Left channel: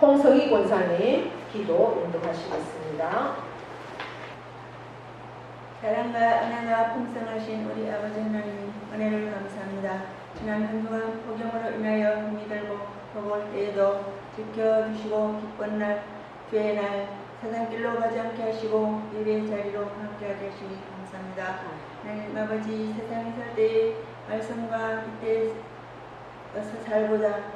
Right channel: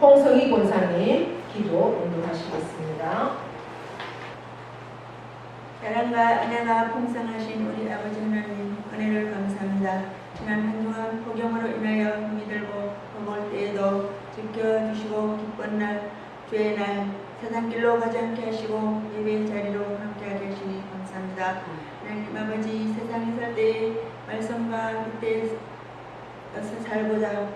홍성희 권사님 기도 인도하시겠습니다. 사랑과 은혜가 풍성하신 우리 아버지 하나님, 은혜를 감사합니다. 지난 한 주간 폭염으로 인하여 힘이 들고 더울 때에도 지켜주시고 기쁜 날, 주의 날 사단길로 가지 않게 하시고 예배 자리로 함께하게 하시니 감사합니다. 하나님 아버지, 세상에 살 때의 말씀과 빗대에서 살고자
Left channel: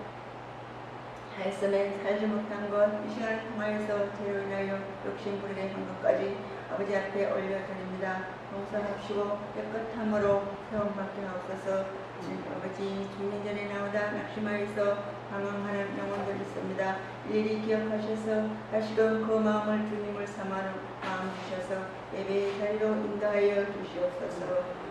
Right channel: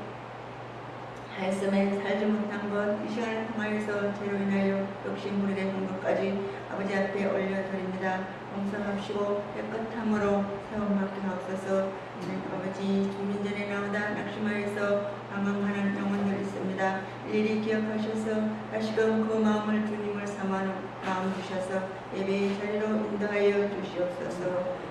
하였음에 살지 못한 것, 이 시간을 통하여서 죄로 인하여 욕심부리게 한 것까지 아버지 앞에 올려드립니다. 용서합시고 깨끗함으로 세움받게 하옵소서. 아버지, 주민전에 나오다 낙심하여서 방황하는 영혼들 있습니다. 일일이 기억하셔서 다시금 그 마음을 주님을 삼아는 마음 주셔서 예배의 자리로 인도하여 주시옵소서.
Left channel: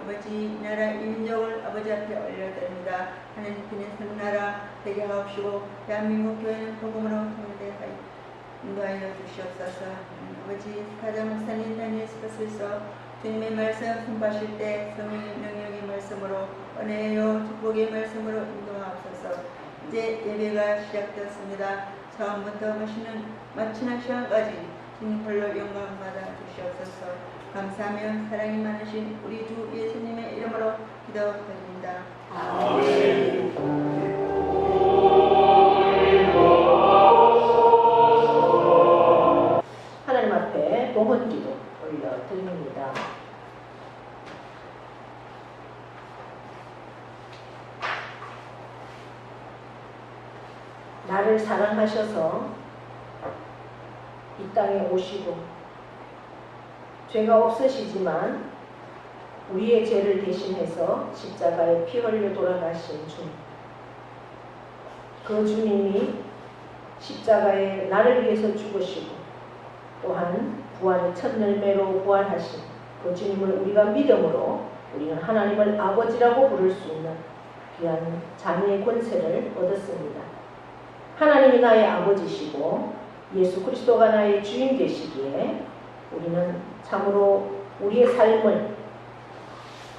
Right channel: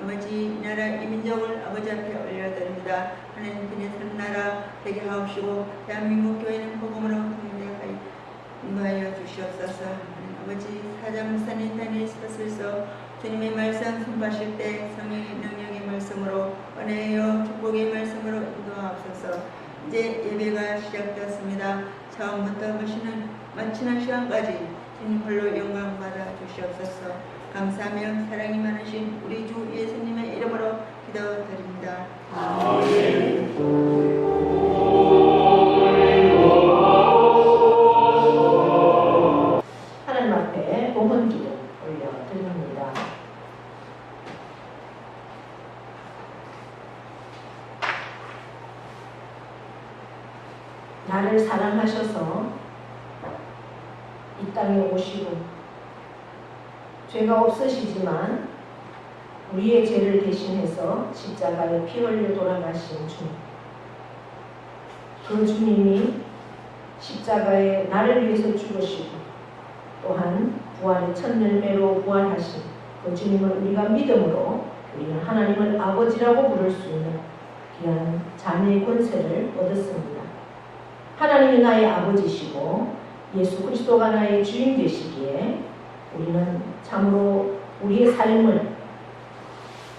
아버지, 나라 이민족을 아버지 앞에 올려드립니다. 하나님 편의 선 나라 되게 하옵시고 대한민국 교회는 복음으로 통일되게 인도하여 주시옵소서. 아버지, 사장 목사님 단위의 스팟에서 주님의 말씀 선포하실 때 성령의 능력의 말씀으로 은혜요 축복의 말씀으로 인도하옵소서. 이제 예배가 시작되었습니다. 처음부터 마치는 시간까지 주님 홀로 영광 받아 주시옵소서. 감사하며 사랑이 많으신 우리 주 예수님의 이름으로 기도드립니다. 아멘. 하나님 앞에 봉헌 기도 올려드립니다. 나를 사랑하셔서 이 땅에 오시고 죄가 없으시지만 우리의 죄를 대신해서 십자가에 피 흘려 돌아가신 주님, 그 주님이 십자가에 나를 위해서 죽으시고 또한 부활의 첫 열매로 부활하신 그 주님을 우리가 믿음으로 우리는 하나님을 아버지라고 부를 수 있는 귀한 자녀의 권세를 얻었습니다. 하나님이 나의 아버지시고 예수 그리스도가 나의 주인 되시기에 우리는 참으로 우리의 삶을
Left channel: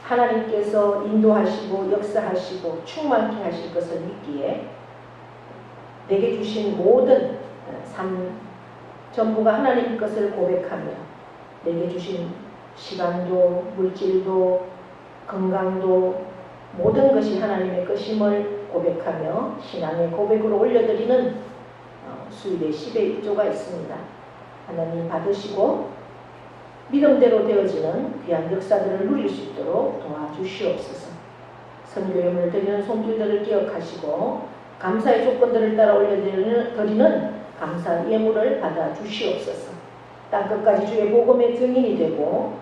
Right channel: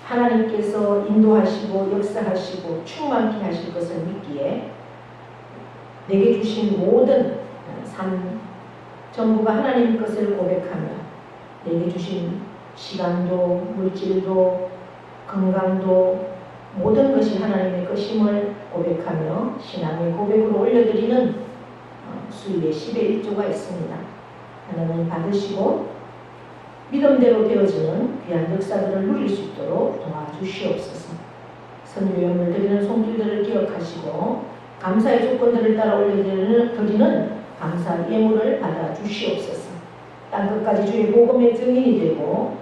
하나님께서 인도하시고 역사하시고 충만케 하실 것을 믿기에 내게 주신 모든 삶 전부가 하나님 것을 고백하며 내게 주신 시간도 물질도 건강도 모든 것이 하나님의 것임을 고백하며 신앙의 고백으로 올려드리는 수일의 10의 1조가 있습니다. 하나님 받으시고 믿음대로 되어지는 귀한 역사들을 누릴 수 있도록 도와주시옵소서. 선교용을 드리는 손길들을 기억하시고 감사의 조건들을 따라 올려드리는 감사 예물을 받아주시옵소서. 땅끝까지 주의 복음의 증인이 되고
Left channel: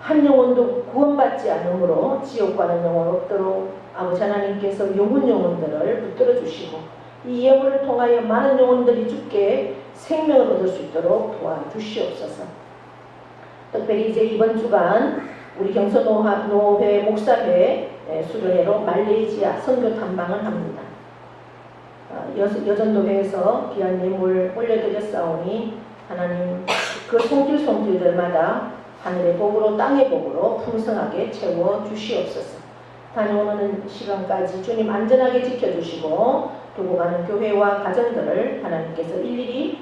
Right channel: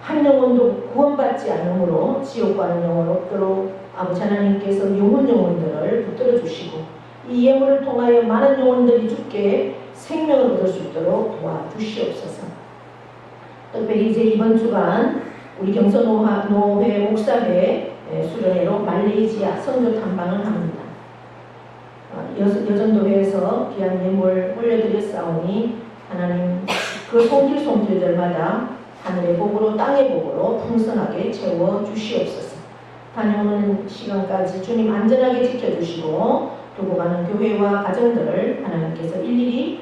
한 영혼도 구원받지 않으므로 지옥 가는 영혼 없도록 아버지 하나님께서 영혼들을 붙들어 주시고 이 예물을 통하여 많은 영혼들이 주께 생명을 얻을 수 있도록 도와주시옵소서. 특별히 이제 이번 주간 우리 경서노회 목사회 수련회로 말레이시아 선교 탐방을 합니다. 여전도회에서 귀한 예물 올려드렸사오니 하나님 그 손길들마다 하늘의 복으로 땅의 복으로 풍성하게 채워주시옵소서. 다녀오는 시간까지 주님 안전하게 지켜주시고 두고 가는 교회와 가정들을 하나님께서 일일이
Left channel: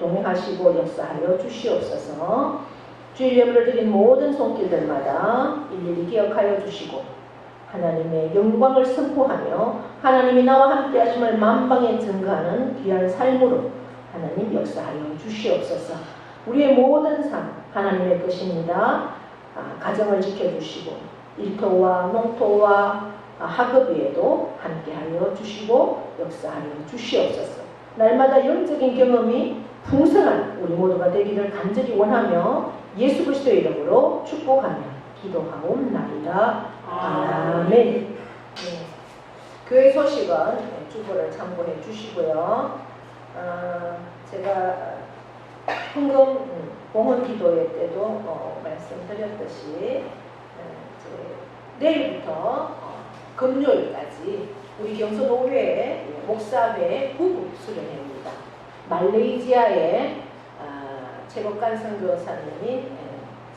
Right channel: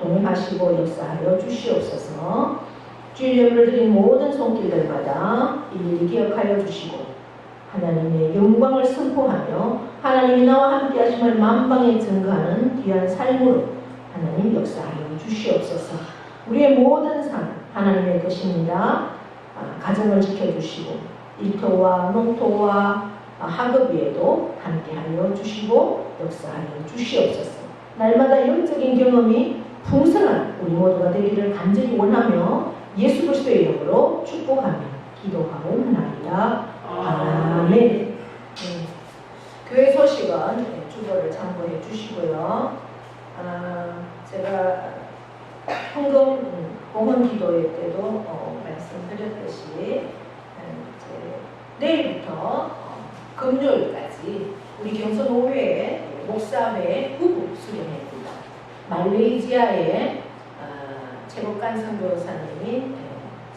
동행하시고 역사하여 주시옵소서. 주일 예물을 드린 모든 손길들마다 일일이 기억하여 주시고 하나님의 영광을 선포하며 하나님이 나와 함께 하심을 만방에 증거하는 귀한 삶으로 하나님 역사하여 주시옵소서. 우리의 모든 삶 하나님의 것입니다. 가정을 지켜주시고 일터와 농토와 학업 위에도 함께하여 주시고 역사하여 주시옵소서. 날마다 영적인 경험이 풍성한 우리 모두가 되기를 간절히 원하며 예수 그리스도의 이름으로 축복하며 기도하옵나이다. 아멘. 교회 소식은 주보를 참고해 주시고요. 제가 헌금 봉헌 기도회 때도 말씀드렸듯이 내일부터 금요일까지 우리 경서노회 목사회 부부 수련회입니다. 말레이시아의 최복간 선교사님이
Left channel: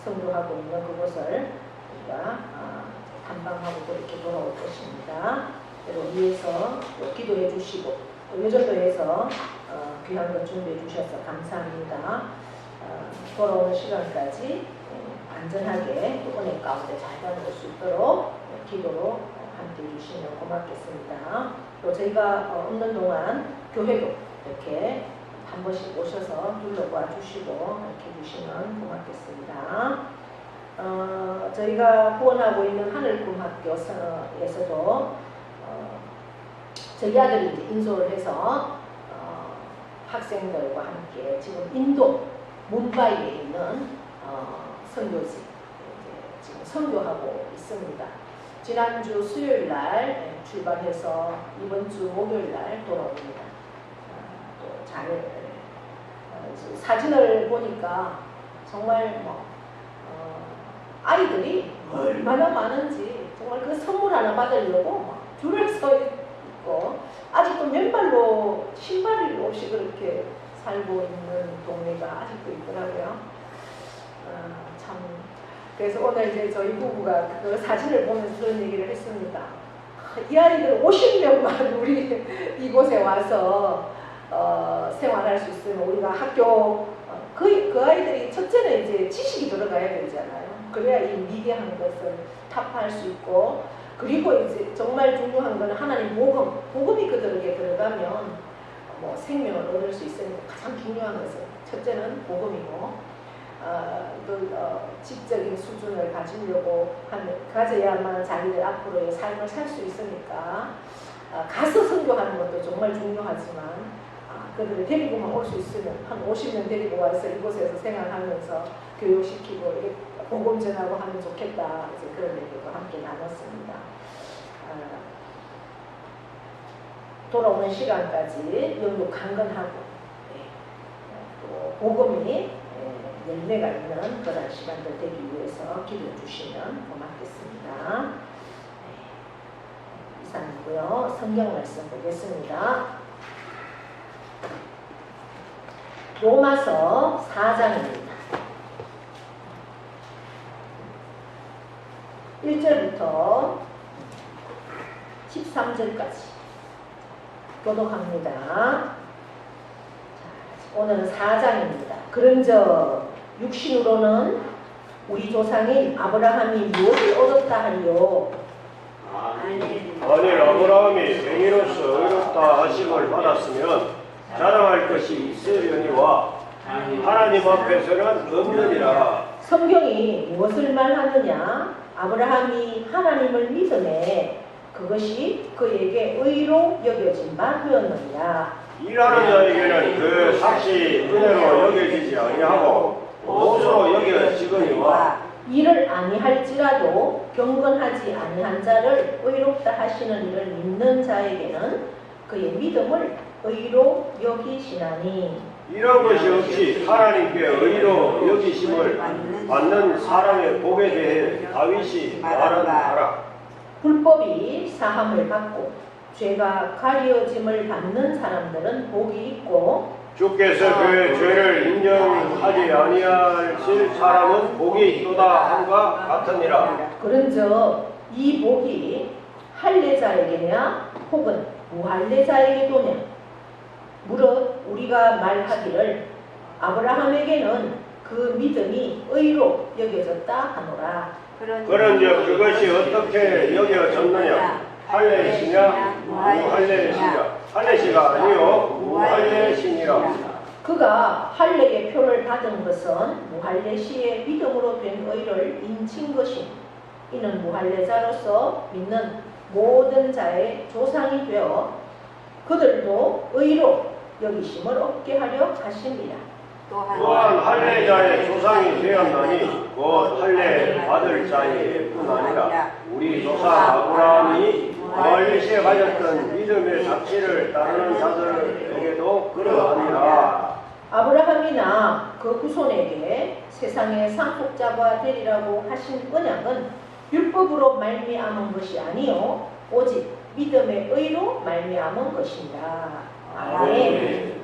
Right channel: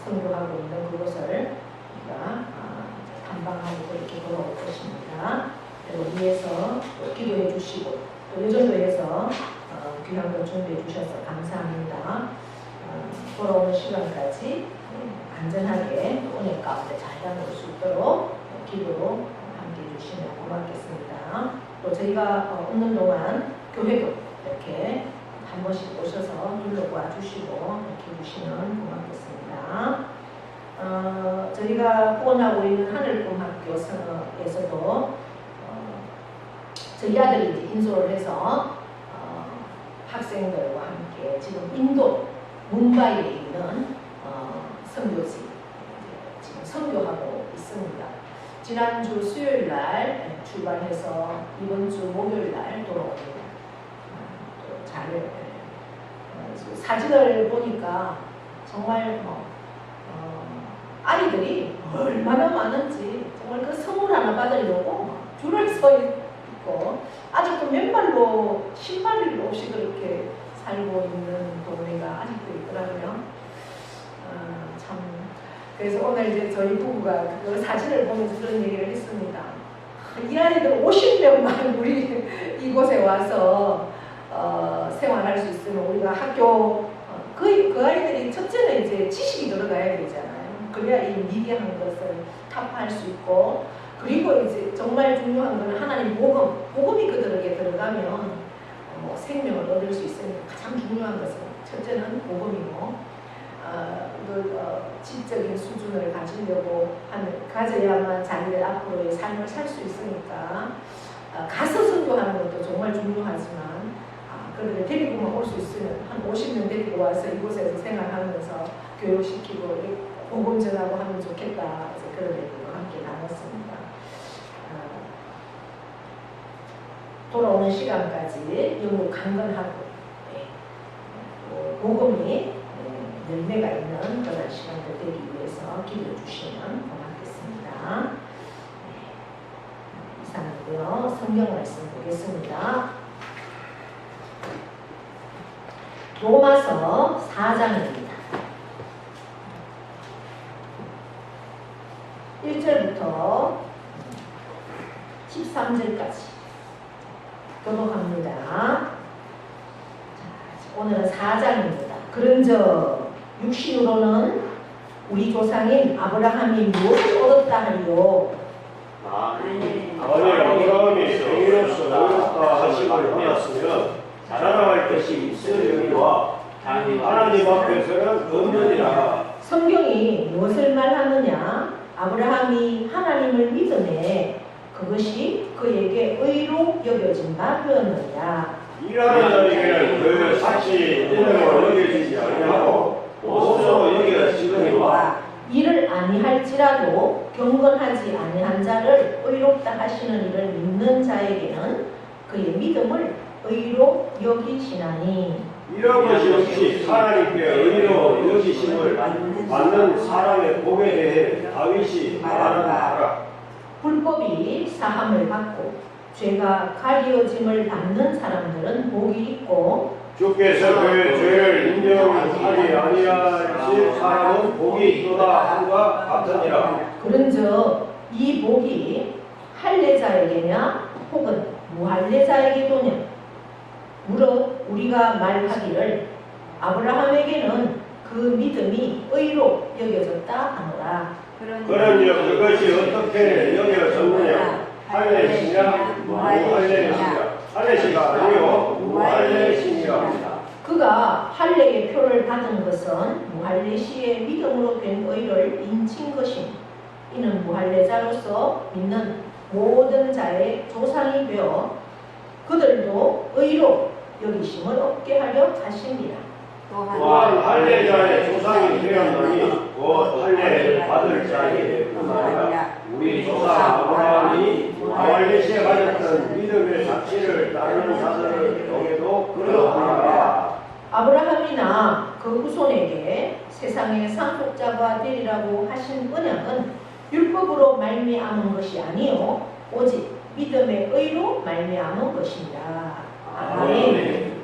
선교하고 있는 그곳을 우리가 탐방하고 이렇게 돌아올 것입니다. 위에서 기도해 주시고 또 이 정도에서 귀한 것 준비해 주셔서 감사합니다. 돌아오는 시간까지 안전하게 또 은혜 가운데 잘 다녀올 수 있도록 기도로 함께 해주시면 고맙겠습니다. 또 저희가 없는 동안 교회도 이렇게 한 번씩 오셔서 둘러봐 주시고 이렇게 해주시면 고맙겠습니다. 저희가 후원하고 있는 하늘꿈학교에서도 저희 아들이 이제 인솔을 해서 학생들과 함께 지금 인도 뭄바이에 있는 선교지 지금 선교하고 있습니다. 지난주 수요일 날 출발해서 이번 주 목요일 날 돌아옵니다. 또 잘 사진을 보니까 정말 아이들이 얼마나 많은지 정말 그 선물 하나 받으려고 줄을 서 있고 아직도 맨발로 신발 없이 그렇게 살고 있는 동네가 아직도 있더라고요. 참 그래서 오늘 이제 저희 부부가 그 사진을 보면서 그런 얘기를 했습니다. 이 아이들 50명만 우리 이곳에 와서 생활할 수 있으면 우리가 학교 그 아이들이 첫째는 이제 지식이 들어가야 되잖아요. 그래야 이 미개한 것을 타파할 수 있고 그리고 이제 정말 중요한 건 하나님 복음이 그들에게 들어가면 생명을 얻을 수 있으니까 가장 중요한 것은 첫째는 복음이고 지적인 수준을 가져야만 자기들 앞으로의 삶을 살 수 있으니까 가서 선교하는 것도 정말 중요하지만 그들을 데리고만 올 수 있으면 한 50명 데리고 와서 이곳에서 생활하면서 교육시키고 이렇게 복음 전하고 하면 좋겠다. 이제 그런 얘기도 함께 나눴습니다. 돌아오는 시간까지 영육 강건하고 또 복음이 열매가 있는 그런 시간들 되기 위해서 기도해 주시면 고맙겠습니다. 이상이고요. 성경 말씀 보겠습니다. 로마서 4장입니다. 1절부터 13절까지 교독합니다. 자, 오늘은 4장입니다. 그런즉 육신으로는 우리 조상인 아브라함이 무엇을 얻었다 하리요? 아니 아브라함이 성인으로서 의롭다 하심을 받았으면 자랑할 것이 있으려니와 하나님 앞에서는 없느니라. 성경이 무엇을 말하느냐? 아브라함이 하나님을 믿음에 그것이 그에게 의로 여겨진 바 되었느냐? 일하는 자에게는 그 삭시 은혜로 여겨지지 아니하고 옷으로 여겨지거니와 이를 아니할지라도 경건하지 아니한 자를 의롭다 하시는 이를 믿는 자에게는 그의 믿음을 의로 여기시나니 이런 것이 없이 하나님께 의로 여기심을 받는 사람의 복에 대해 다윗이 말하라. 불법이 사함을 받고 죄가 가려짐을 받는 사람들은 복이 있고 주께서 그 죄를 인정하지 아니하실 사람은 복이 있도다 함과 같으니라. 그런즉 이 복이 할례자에게냐 혹은 무할례자에게도냐? 무릇 우리가 말하기를 아브라함에게는 그 믿음이 의로 여겨졌다 하노라. 그런즉 그것이 어떻게 여겨졌느냐? 할례시냐 무할례시냐? 할례시가 아니요 무할례시니라. 그가 할례의 표를 받은 것은 무할례시의 믿음으로 된 의를 인친 것이니 이는 무할례자로서 믿는 모든 자의 조상이 되어 그들도 의로 여기심을 얻게 하려 하십니다. 또한 할례자의 조상이 되었나니 곧 할례 받을 자의 뿐 아니라 우리 조상 아브라함이 무할례시에 가졌던 믿음의 삭시를 따르는 자들에게도 그러하니라. 아브라함이나 그 후손에게 세상의 상속자가 되리라고 하신 언약은 율법으로 말미암은 것이 아니요 오직 믿음의 의로 말미암은 것입니다. 아멘.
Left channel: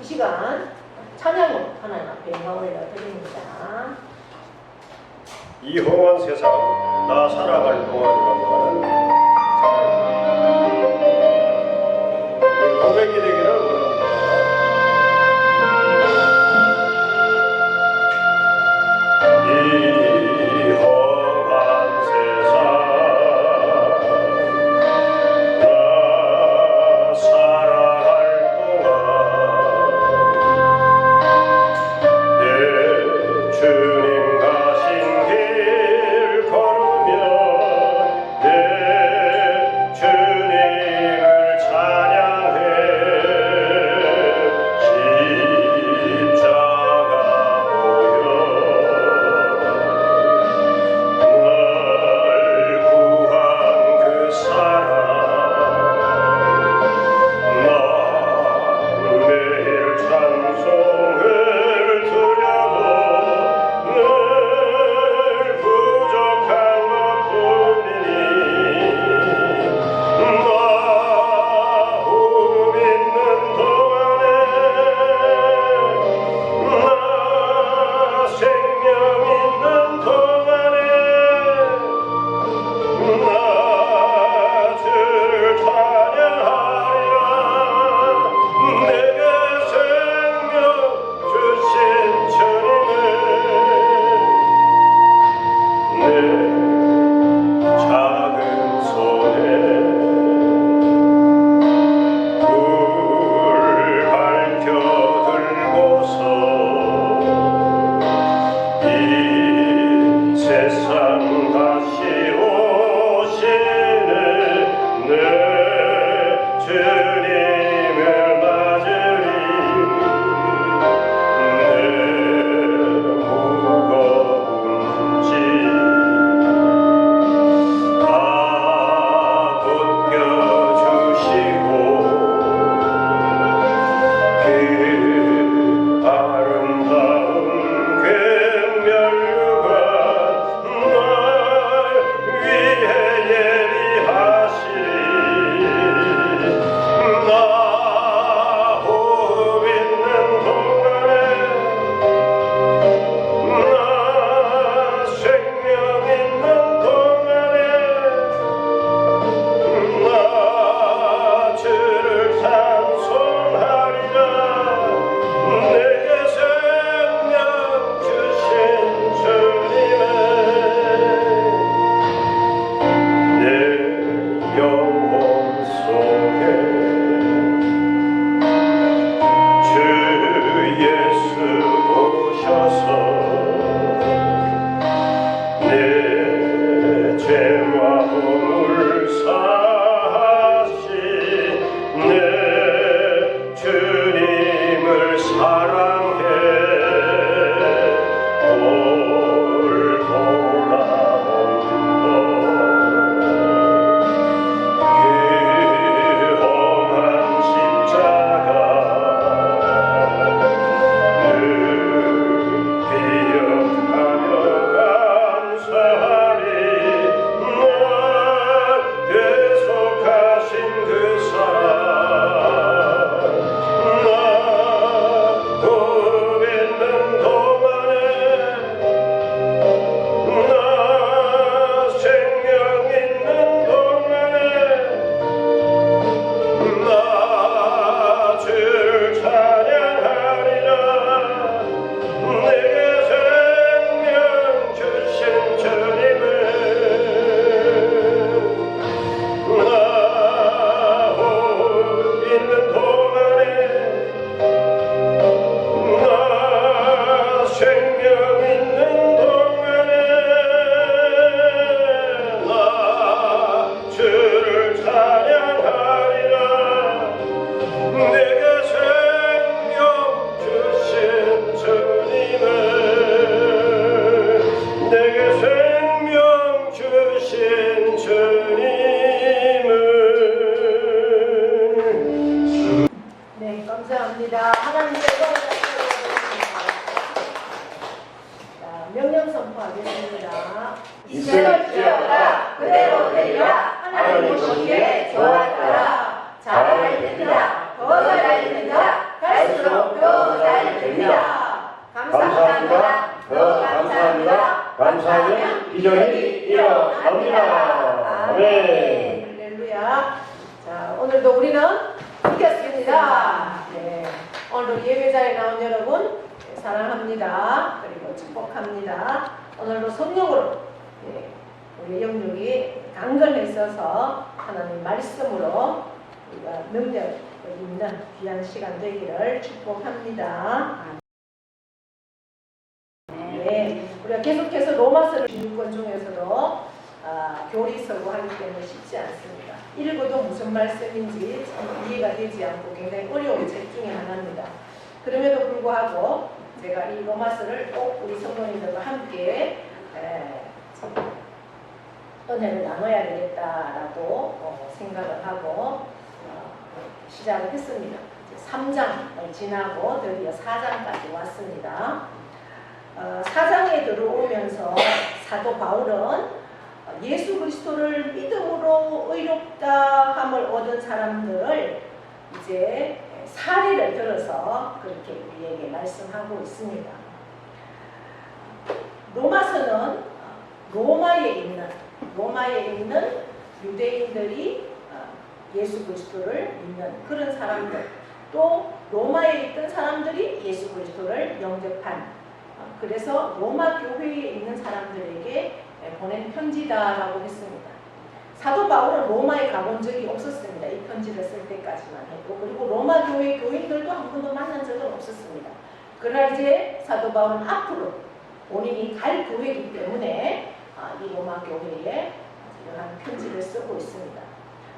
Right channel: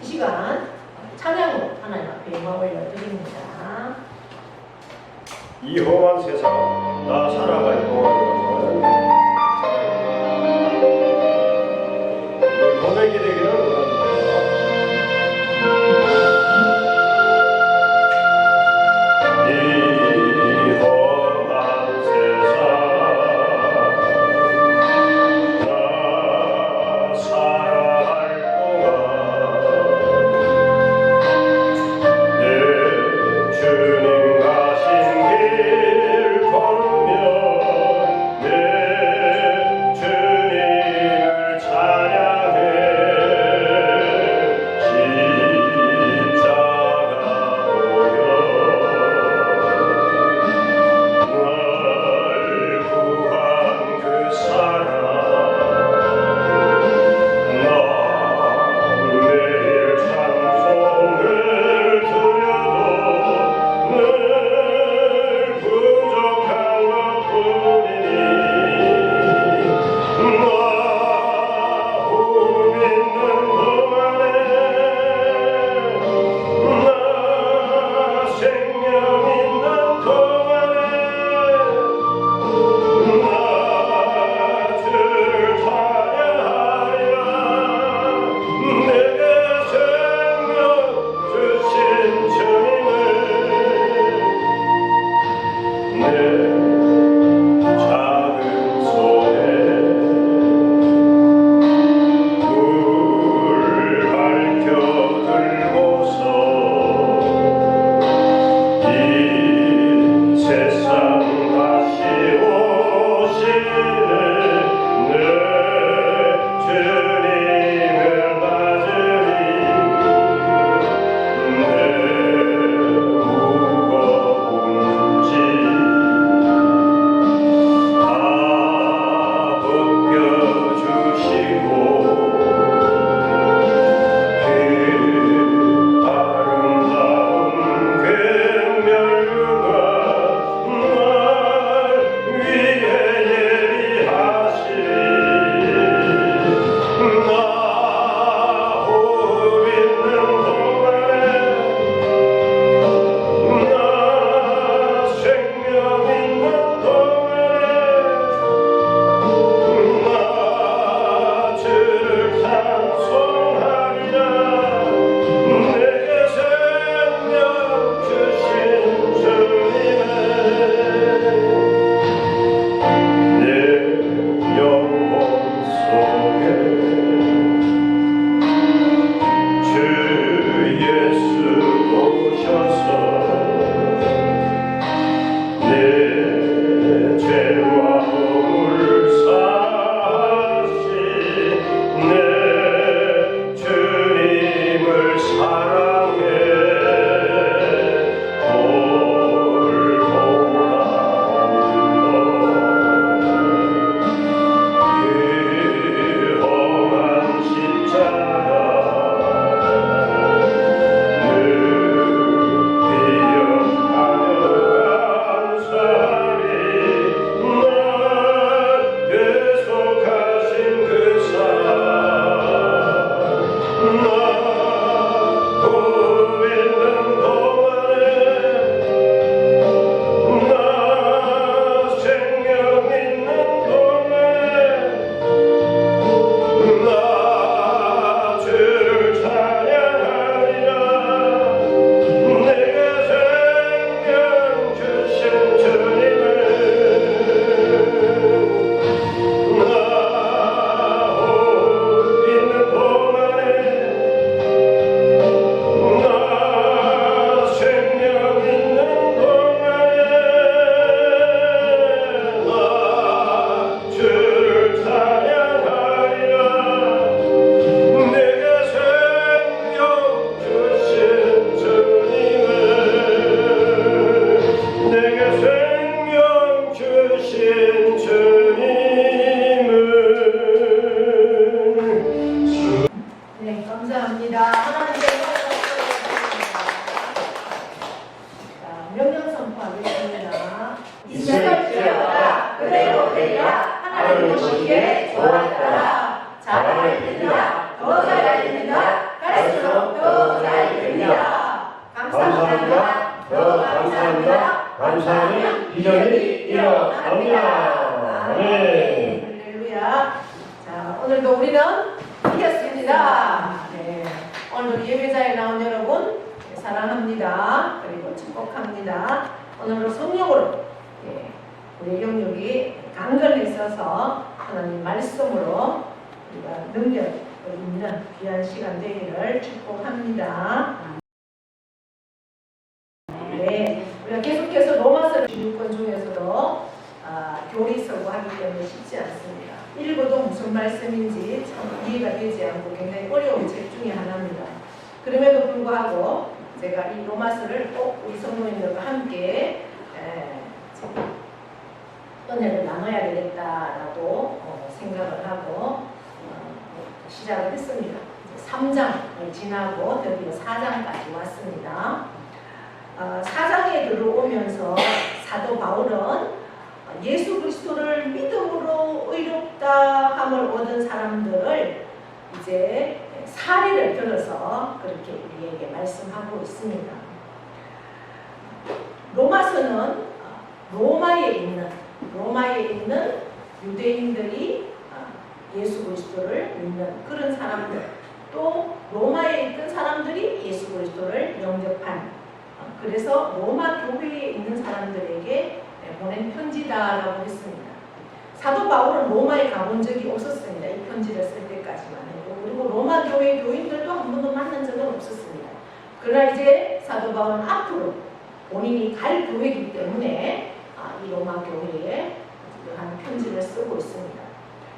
이 시간 찬양으로 하나님 앞에 영광 올려드립니다. 이 험한 세상 나 살아갈 동안이라고 하는 찬양입니다. 새벽이 되기를 원합니다. 이 험한 세상 나 살아갈 동안 내 주님 가신 길 걸으며 내 주님을 찬양해 십자가 보여 날 구한 그 사랑 나 매일 찬송을 드려도 늘 부족한 것뿐이니 나 호흡 있는 동안에 나 생명 있는 동안에 나 주를 찬양하리라 내게 생명 주신 주님을 내 작은 손에 불 밝혀 들고서 이 세상 다시 오시는 내 주님을 맞으리 내 무거운 짐 다 벗겨주시고 그 아름다운 궤면류가 날 위해 예비하시리 나 호흡 있는 동안에 나 생명 있는 동안에 나 주를 찬송하리라 내게 생명 주신 주님의 내 영혼 속에 주 예수 오셔서 내 죄와 몸을 사하시 내 주님을 사랑해 그 험한 십자가 늘 기억하며 감사하리 날 계속하신 그 사랑 나 호흡 있는 동안에 나 생명 있는 동안에 나 주를 찬양하리라 내게 생명 주신 주님을 나 호흡 있는 동안에 나 생명 있는 동안에 나 주를 찬양하리라 내게 생명 주신 주님을 내게 생명 주신 주님을 네, 감사합니다. 하나님께서 명령 선포하겠습니다. 이스라엘 지어라 그대로 되리라 하나님 보시기에 좋았더라 잘할 때니라 더 잘할 때니라 갈수록 더 잘 됩니다 감사합니다 더 감사합니다 감사하면 비전이 일어납니다 아멘. 할렐루야. 자, 오늘도 우리는 이겼습니다. 네, 오늘 예배자에 나온 여러분 사랑합니다. 그리고 축복합니다. 오늘도 성령으로 우리 영육이 강건했어서 하나님 말씀으로 우리가 능력을 입는 귀한 시간 되기를 축복합니다. 네, 우리가 계속해서 로마서를 16권 중에서도 교리서고 하기 때문에 쉽지 않습니다. 읽어도 무슨 말씀인지 참 이해가 되지 않고 굉장히 어려운 책 중에 하나입니다. 그럼에도 불구하고 제가 이 로마서를 꼭 우리 성도님들과 함께 은혜를 나눠야 되겠다라고 생각을 하고 시작을 했습니다. 3장을 지나고 드디어 4장까지 왔습니다. 4장에 들어오면서 사도 바울은 예수 그리스도를 믿음으로 의롭다 함을 얻은 사람들을 이제 사례를 들어서 그렇게 우리에게 말씀하고 있습니다. 로마서는 로마에 있는 유대인들이 예수 그리스도를 믿는 그런 사람들, 또 로마에 있던 사람들이 예수 그리스도를 영접한, 그래서 로마 교회에 있는 사람들에게 보낸 편지다라고 했습니다. 사도 바울은 로마에 가본 적이 없었습니다. 이 편지를 쓸 때까지만 해도. 그리고 로마 교회 교인들도 한 번도 만난 적은 없었습니다. 그러나 이제 사도 바울은 앞으로 본인이 갈 교회이기 때문에 이 로마 교회에 이러한 편지를 쓰고 있습니다.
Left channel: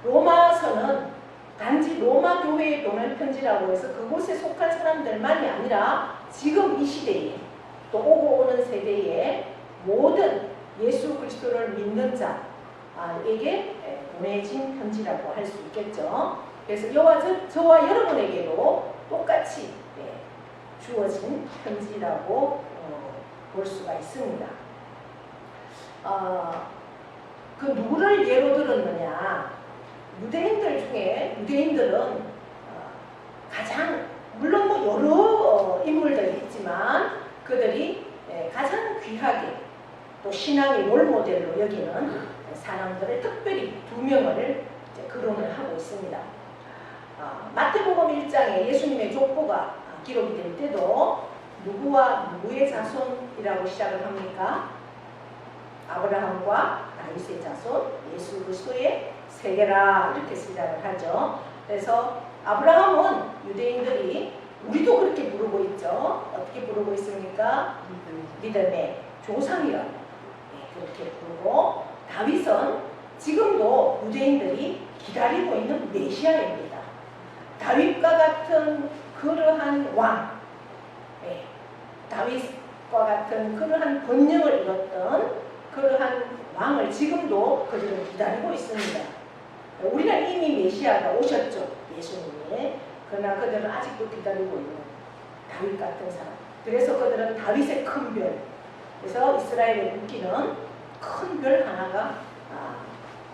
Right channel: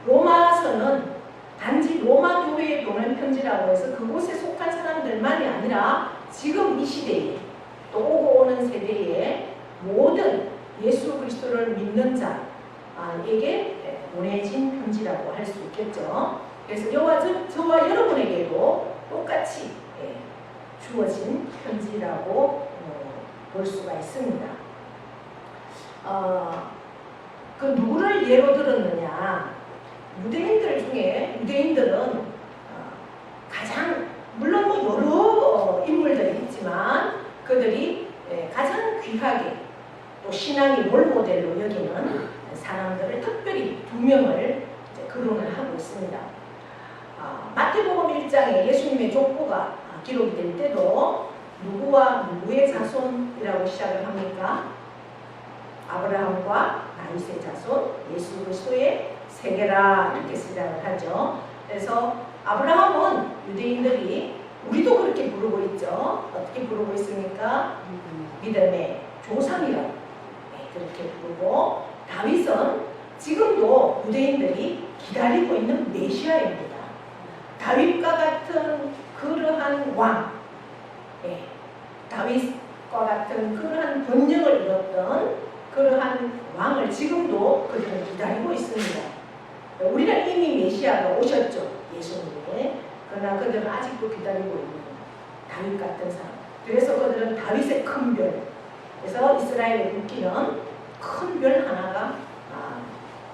로마서는 단지 로마 교회에 보낸 편지라고 해서 그곳에 속한 사람들만이 아니라 지금 이 시대에 또 오고 오는 세대에 모든 예수 그리스도를 믿는 자에게 보내진 편지라고 할 수 있겠죠. 그래서 저와 여러분에게도 똑같이 주어진 편지라고 볼 수가 있습니다. 그 누구를 예로 들었느냐? 유대인들은 가장 물론 여러 인물들이 있지만 그들이 가장 귀하게 또 신앙의 롤모델로 여기는 사람들을 특별히 2명을 거론을 하고 있습니다. 마태복음 1장에 예수님의 족보가 기록이 될 때도 누구와 누구의 자손이라고 시작을 합니까? 아브라함과 다윗의 자손, 예수 그리스도의 세계라 이렇게 시작을 하죠. 그래서 아브라함은 유대인들이 우리도 그렇게 부르고 있죠. 어떻게 부르고 있습니까? 믿음의 조상이라고 그렇게 부르고, 다윗은 지금도 유대인들이 기다리고 있는 메시아입니다. 다윗과 같은 그러한 왕, 다윗과 같은 그러한 번영을 이뤘던 그러한 왕을 지금도 그들은 기다리고 있습니다. 우리는 이미 메시아가 오셨죠, 예수님이. 그러나 그들은 아직도 기다리고 있는 다윗 같은 사람. 그래서 그들은 다윗의 큰 별, 그래서 이스라엘에 묶이는 큰 별 하나가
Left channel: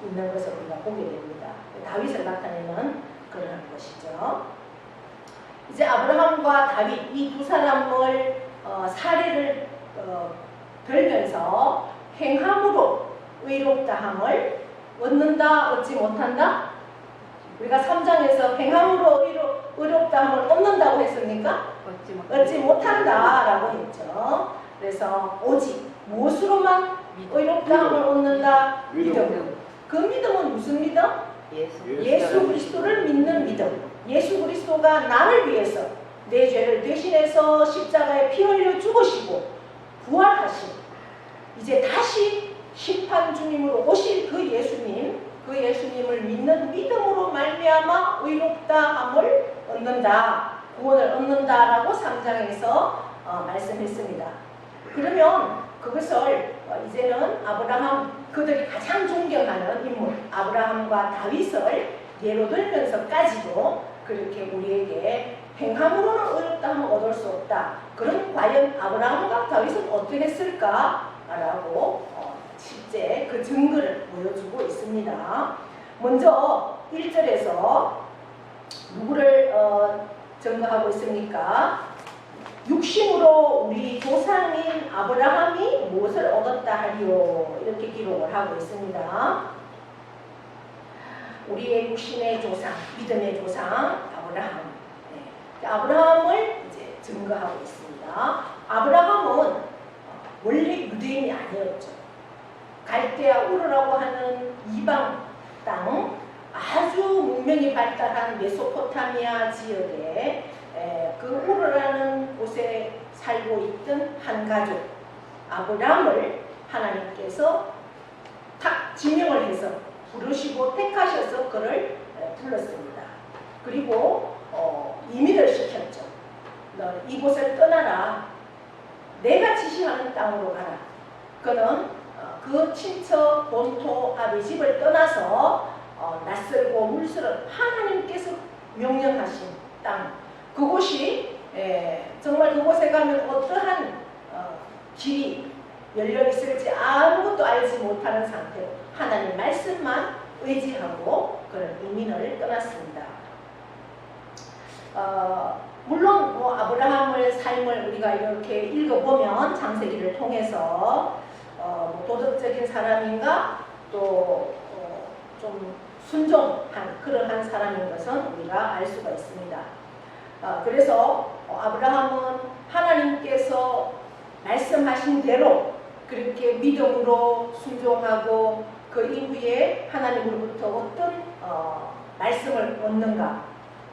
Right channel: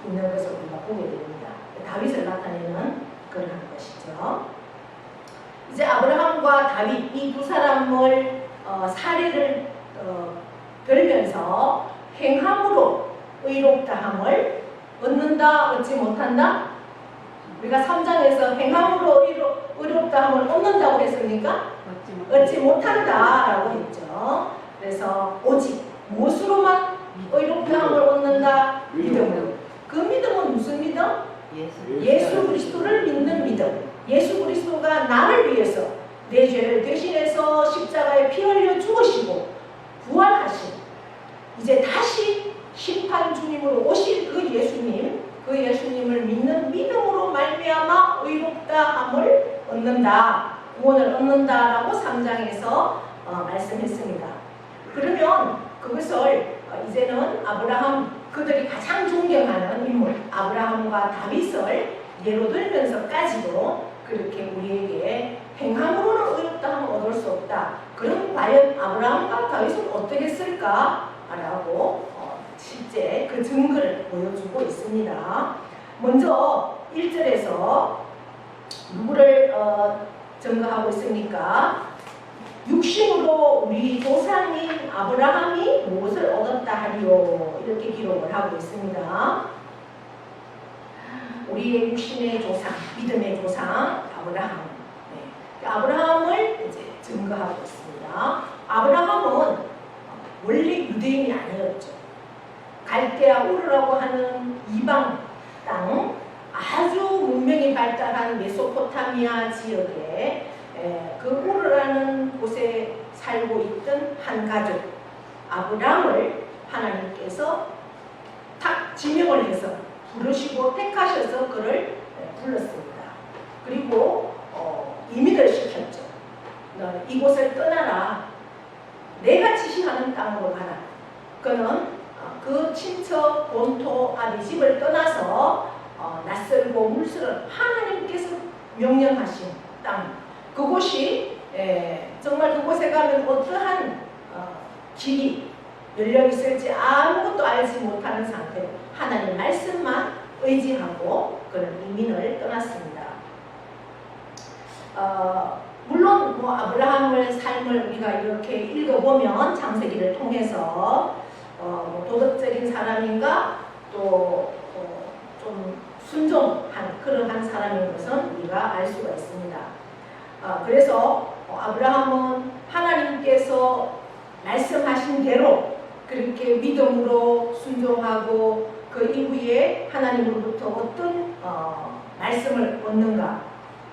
있는 것을 우리가 보게 됩니다. 다윗을 나타내는 그런 것이죠. 이제 아브라함과 다윗 이 두 사람을 사례를 들면서 행함으로 의롭다함을 얻는다, 얻지 못한다? 우리가 3장에서 행함으로 의롭다함을 얻는다고 했습니까? 얻지 못한다라고 했죠. 그래서 오직 무엇으로만 의롭다함을 얻는다? 믿음. 그 믿음은 무슨 믿음? 예수 그리스도를 믿는 믿음. 예수 그리스도가 나를 위해서 내 죄를 대신해서 십자가에 피 흘려 죽으시고 부활하신, 이제 다시 심판 주님으로 오실 그 예수님을 믿는 믿음으로 말미암아 의롭다함을 얻는다, 구원을 얻는다라고 3장에서 말씀했습니다. 그러면 그것을 이제는 아브라함, 그들이 가장 존경하는 인물 아브라함과 다윗을 예로 들면서까지도 그렇게 우리에게 행함으로는 의롭다함을 얻을 수 없다. 그럼 과연 아브라함과 다윗은 어떻게 했을까라고 실제 그 증거를 보여주고 있습니다. 먼저 1절에서 누구를 증거하고 있습니까? 육신으로 우리 조상인 아브라함이 무엇을 얻었다 하리요, 이렇게 기록을 하고 있습니다. 우리의 육신의 조상, 믿음의 조상 아브라함. 아브라함을 이제 증거하고 있습니다. 아브라함은 원래 유대인이 아니었죠. 갈대아 우르라고 하는 이방 땅, 아주 문명이 발달한 메소포타미아 지역에 그 우르라는 곳에 살고 있던 한 가족 아브라함을 하나님께서 딱 지명을 해서 부르시고 택하셔서 그를 불렀습니다. 그리고 이민을 시켰죠. 너 이곳을 떠나라. 내가 지시하는 땅으로 가라. 그는 그 친척 본토 아비집을 떠나서 낯설고 물스런 하나님께서 명령하신 땅, 그곳이 정말 그곳에 가면 어떠한 길이 열려 있을지 아무것도 알지 못하는 상태로 하나님 말씀만 의지하고 그런 이민을 떠났습니다. 물론 뭐 아브라함의 삶을 우리가 이렇게 읽어보면 창세기를 통해서 도덕적인 사람인가 또 좀 순종한 그러한 사람인 것은 우리가 알 수가 있습니다. 그래서 아브라함은 하나님께서 말씀하신 대로 그렇게 믿음으로 순종하고 그 이후에 하나님으로부터 어떤 말씀을 얻는가.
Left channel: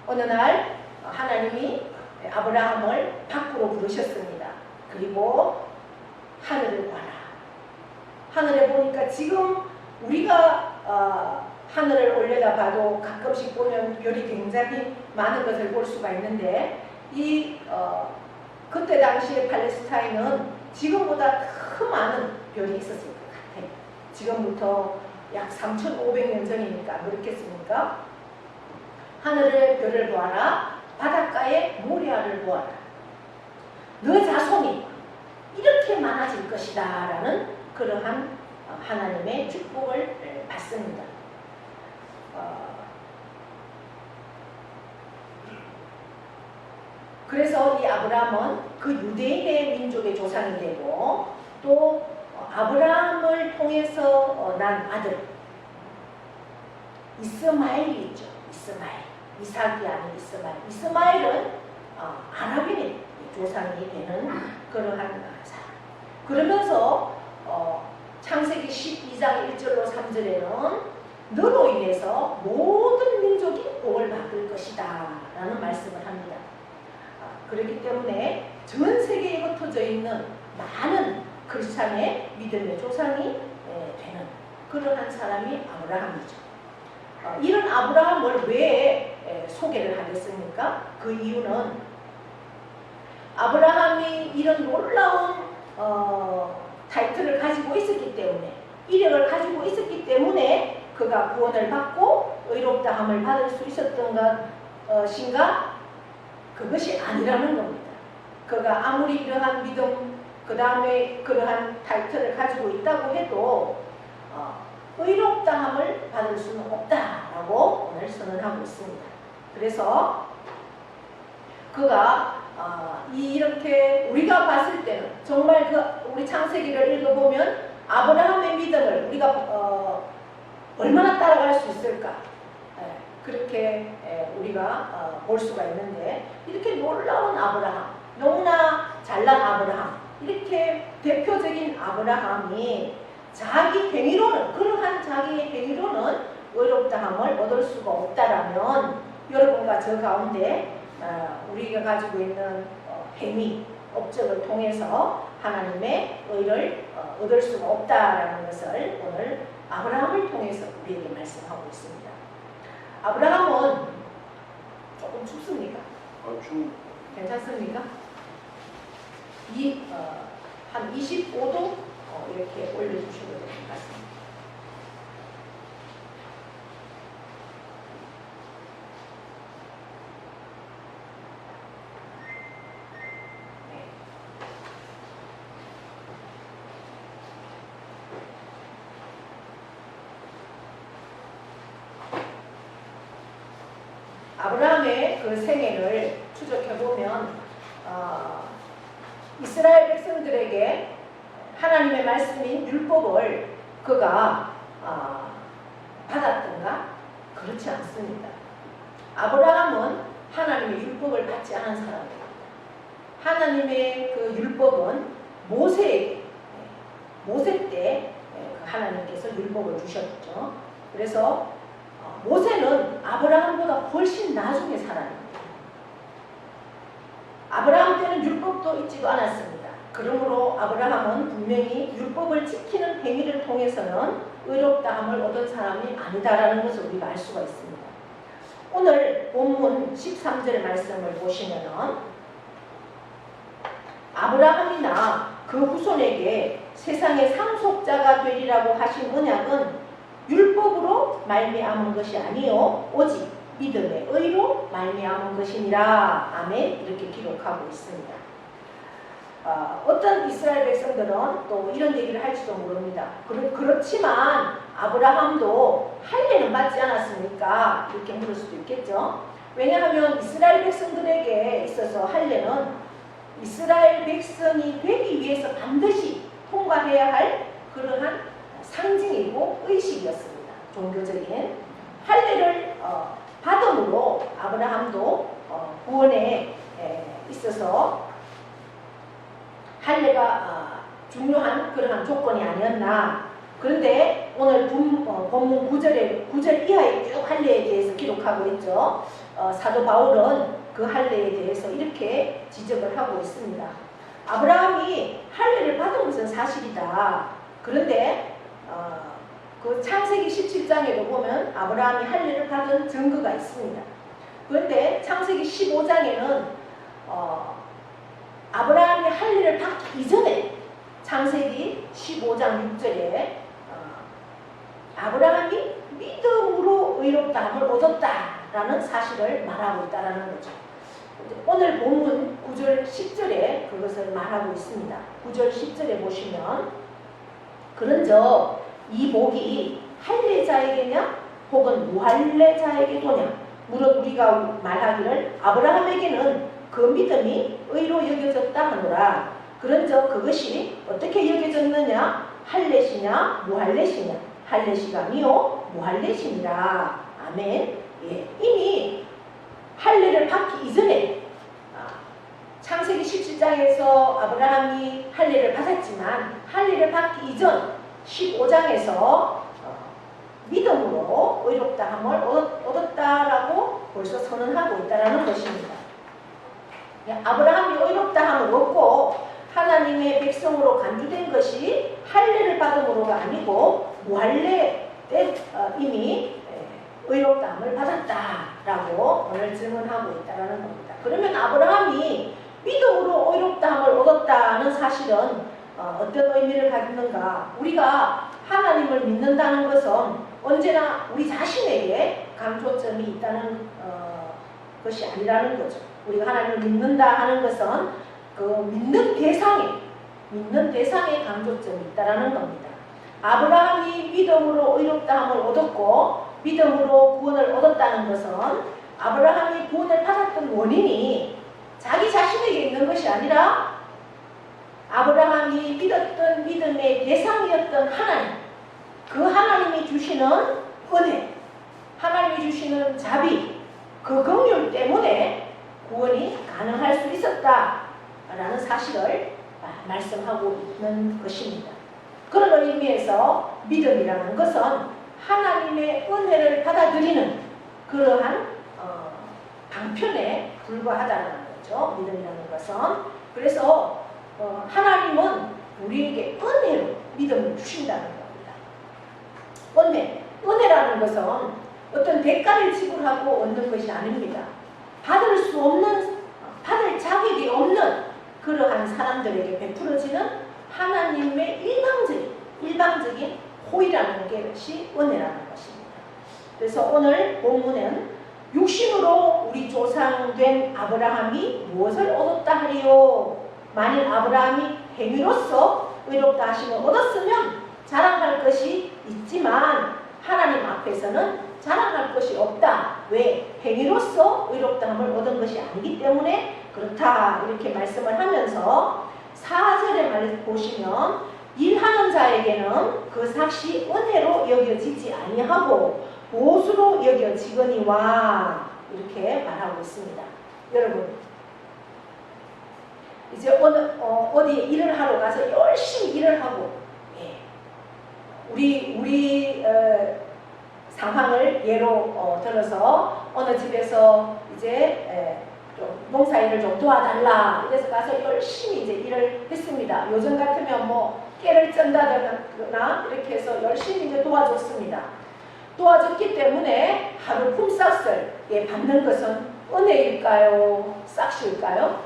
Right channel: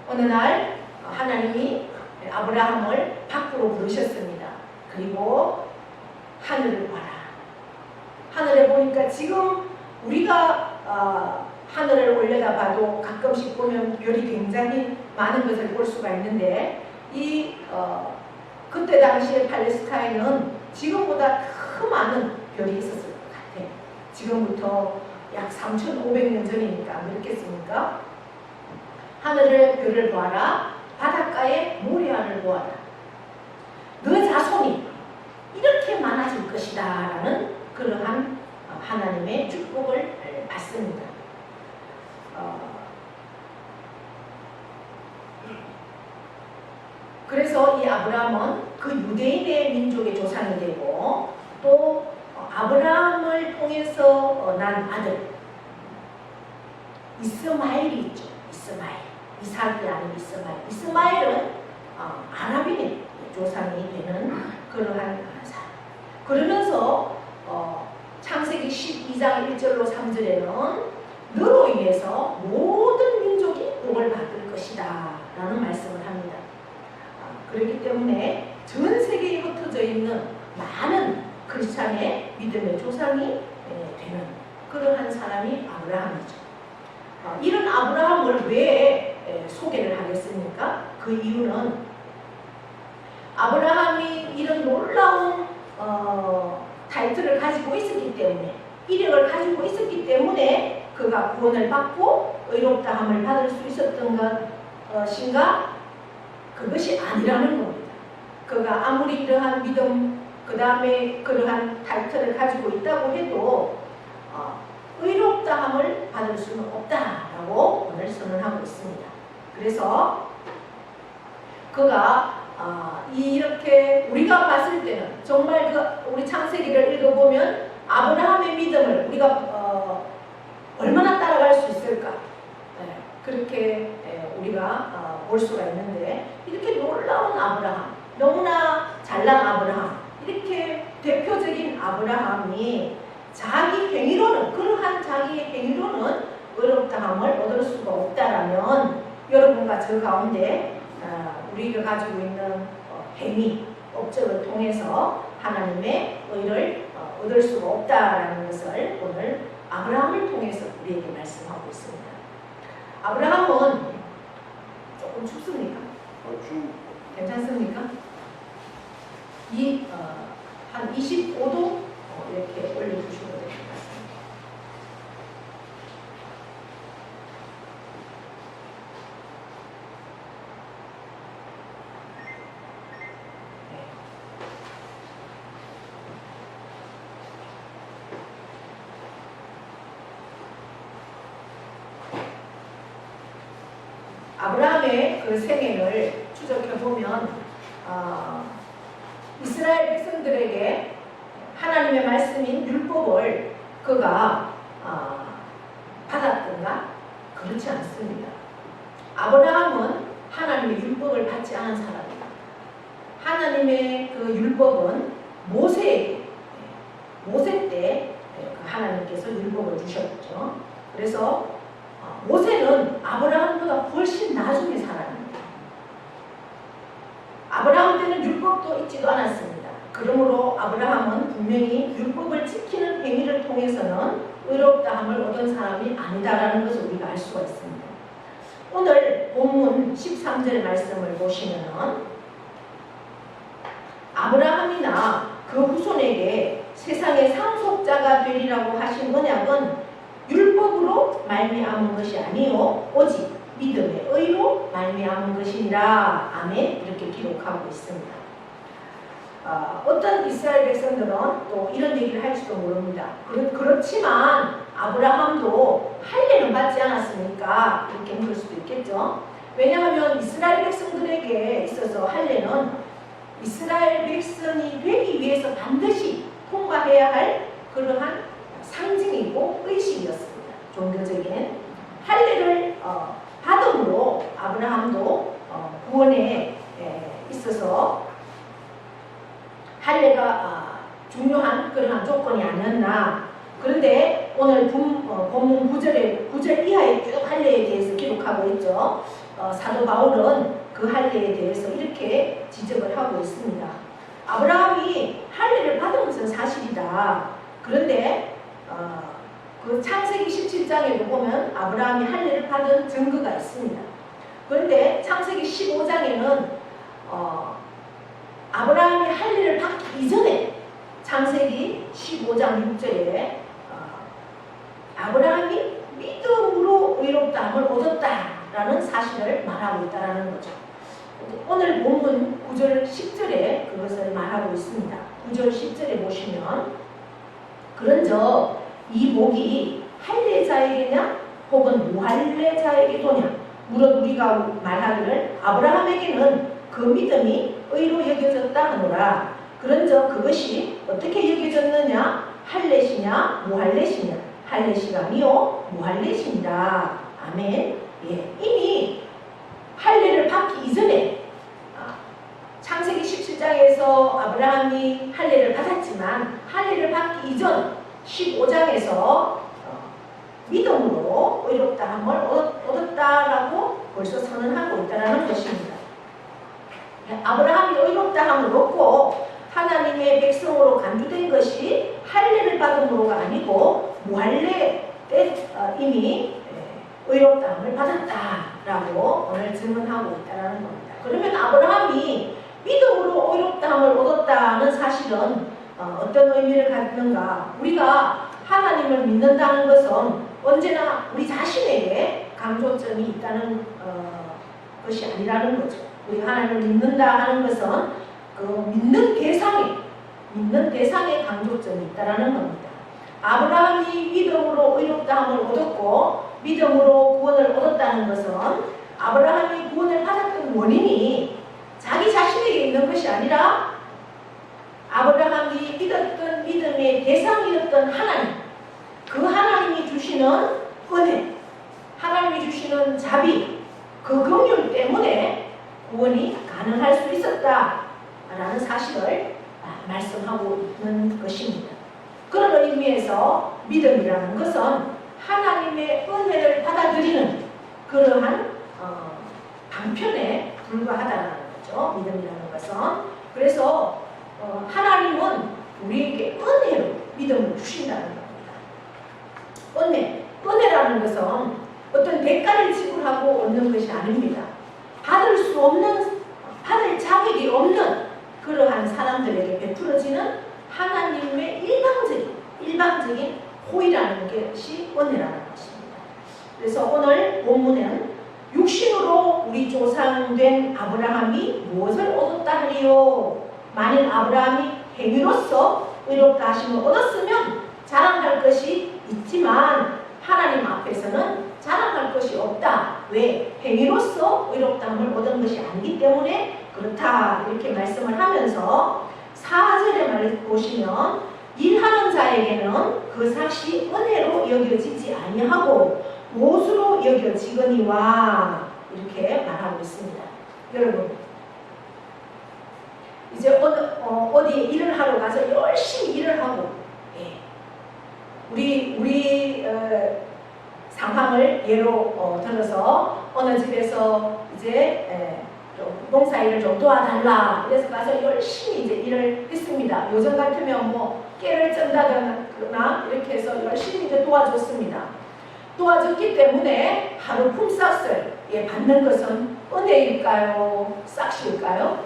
어느 날 하나님이 아브라함을 밖으로 부르셨습니다. 그리고 하늘을 봐라. 하늘에 보니까 지금 우리가 하늘을 올려다봐도 가끔씩 보면 별이 굉장히 많은 것을 볼 수가 있는데 그때 당시에 팔레스타인은 지금보다 더 많은 별이 있었을 것 같아요. 지금부터 약 3,500년 전이니까 안 그렇겠습니까? 하늘의 별을 보아라. 바닷가의 모래알을 보아라. 너 자손이 이렇게 많아질 것이다 라는 그러한 하나님의 축복을 받습니다. 그래서 이 아브라함은 그 유대인의 민족의 조상이 되고 또 아브라함을 통해서 난 아들 이스마엘이 있죠. 이스마엘. 이삭이 아닌 이스마엘. 이스마엘은 아랍인의 조상이 되는 그러한 사람. 그러면서 창세기 12장 1절로 3절에는 너로 인해서 모든 민족이 복을 받을 것이다 라는 말씀을 합니다. 그렇기 때문에 전 세계에 흩어져 있는 많은 크리스찬의 믿음의 조상이 되는 그러한 사람이 아브라함이죠. 이런 아브라함을 왜 소개를 하겠습니까? 그 이유는 아브라함이 이런 놀라운 타이틀을 가지고 있었기 때문에, 이력을 가지고 있었기 때문에 그가 구원을 받고 의롭다함을 받을 수 있었던 것인가? 그것이 아니라는 겁니다. 그가 아무리 이러한 믿음, 그 다음에 그러한 타이틀을 가지고 있다고 해도 의롭다함을 받을 수는 없다라고 오늘 선언하고 있습니다. 그래서 그가 이렇게 우리가 봤을 때는 정말 우리 창세기를 읽어보면 아브라함의 믿음을 우리가 얼마나 따라갈 수 있을까? 그렇게 우리가 볼 수가 있는데, 이렇게 놀라운 아브라함, 너무나 잘난 아브라함, 이렇게 대표적인 아브라함이 자기 행위로는, 그러한 자기 행위로는 의롭다함을 얻을 수가 없다라면 여러분과 저 가운데 우리가 가지고 있는 행위, 업적을 통해서 하나님의 의를 얻을 수가 없다라는 것을 오늘 아브라함을 통해서 우리에게 말씀하고 있습니다. 아브라함은 조금 춥습니까? 괜찮습니까? 한 25도 이렇게 올려주시면 될 것 같습니다. 아브라함의 그 생애를 추적해보면 이스라엘 백성들에게 하나님의 말씀인 율법을 그가 받았던가? 그렇지 않습니다. 아브라함은 하나님의 율법을 받지 않은 사람이에요. 하나님의 그 율법은 모세 때 하나님께서 율법을 주셨죠. 그래서 모세는 아브라함보다 훨씬 나중에 사람입니다. 아브라함 때는 율법도 있지도 않았습니다. 그러므로 아브라함은 분명히 율법을 지키는 행위를 통해서는 의롭다함을 얻은 사람이 아니다라는 것을 우리가 알 수가 있습니다. 오늘 본문 13절 말씀을 보시면은 아브라함이나 그 후손에게 세상의 상속자가 되리라고 하신 언약은 율법으로 말미암은 것이 아니요 오직 믿음의 의로 말미암은 것이니라. 아멘. 이렇게 기록하고 있습니다. 어떤 이스라엘 백성들은 또 이런 얘기를 할지도 모릅니다. 그렇지만 아브라함도 할례는 받지 않았으니까 이렇게 물을 수도 있겠죠. 왜냐하면 이스라엘 백성들에게 있어서 할례는 이스라엘 백성이 되기 위해서 반드시 통과해야 할 그러한 상징이고 의식이었습니다. 종교적인 할례를 받음으로 아브라함도 구원에 있어서 할례가 중요한 그러한 조건이 아니었나. 그런데 오늘 본문 9절 이하에 쭉 할례에 대해서 기록하고 있죠. 사도 바울은 그 할례에 대해서 이렇게 지적을 하고 있습니다. 아브라함이 할례를 받은 것은 사실이다. 그런데 그 창세기 17장에도 보면 아브라함이 할례를 받은 증거가 있습니다. 그런데 창세기 15장에는 아브라함이 할례를 받기 이전에 창세기 15장 6절에 아브라함이 믿음으로 의롭다함을 얻었다라는 사실을 말하고 있다는 거죠. 오늘 본문 9절 10절에 그것을 말하고 있습니다. 9절 10절에 보시면 그런즉 이 복이 할례자에게냐 혹은 무할례자에게도냐 무릇 우리가 말하기를 아브라함에게는 그 믿음이 의로 여겨졌다 하노라. 그런즉 그것이 어떻게 여겨졌느냐 할례시냐 무할례시냐 할례시가 아니요 무할례시니라. 아멘. 예, 이미 할례를 받기 이전에 창세기 17장에서 아브라함이 할례를 받았지만 할례를 받기 이전 15장에서 믿음으로 의롭다함을 얻었다라고 벌써 선언하고 있다는 것입니다. 아브라함이 의롭다함을 얻고 하나님의 백성으로 간주된 것이 할례를 받음으로가 아니고 무할례 때 이미 의롭다함을 받았다라고 오늘 증언하고 있다는 겁니다. 그러면 아브라함이 믿음으로 의롭다함을 얻었다는 사실은 어떤 의미를 갖는가? 우리가 하나님을 믿는다는 것은 언제나 우리 자신에게 강조점이 있다는 것이 아니라는 거죠. 우리가 하나님을 믿는다 하는 것은 그 믿는 대상에 강조점이 있다는 겁니다. 아브라함이 믿음으로 의롭다함을 얻었고 믿음으로 구원을 얻었다는 것은 아브라함이 구원을 받았던 원인이 자기 자신에게 있는 것이 아니라 아브라함이 믿었던 믿음의 대상이었던 하나님, 그 하나님이 주시는 은혜, 하나님이 주시는 자비, 그 긍휼 때문에 구원이 가능할 수 있었다라는 사실을 말씀하고 있는 것입니다. 그런 의미에서 믿음이라는 것은 하나님의 은혜를 받아들이는 그러한 방편에 불과하다는 거죠. 믿음이라는 것은. 그래서 하나님은 우리에게 은혜로 믿음을 주신다는 겁니다. 은혜라는 것은 어떤 대가를 지불하고 얻는 것이 아닙니다. 받을 자격이 없는 그러한 사람들에게 베풀어지는 하나님의 일방적인 호의라는 것이 은혜라는 것입니다. 그래서 오늘 본문은 육신으로 우리 조상된 아브라함이 무엇을 얻었다 하리요? 만일 아브라함이 행위로서 의롭다 하심을 얻었으면 자랑할 것이 있지만 하나님 앞에서는 자랑할 것이 없다. 왜? 행위로서 의롭다함을 얻은 것이 아니기 때문에 그렇다. 이렇게 말씀을 하면서 4절에 보시면 일하는 자에게는 그 삭이 은혜로 여겨지지 아니하고 보수로 여겨지거니와 이렇게 말하고 있습니다. 여러분, 이제 어디 일을 하러 가서 열심히 일을 하고, 우리 상황을 예로 들어서 어느 집에서 이제 좀 농사일을 좀 도와달라 그래서 가서 열심히 이제 일을 했습니다. 요즘 같으면 뭐 깨를 쩐다거나 이렇게 해서 열심히 이제 도와줬습니다. 도와줬기 때문에 하루 품삯을 받는 것은 은혜일까요? 싹시일까요?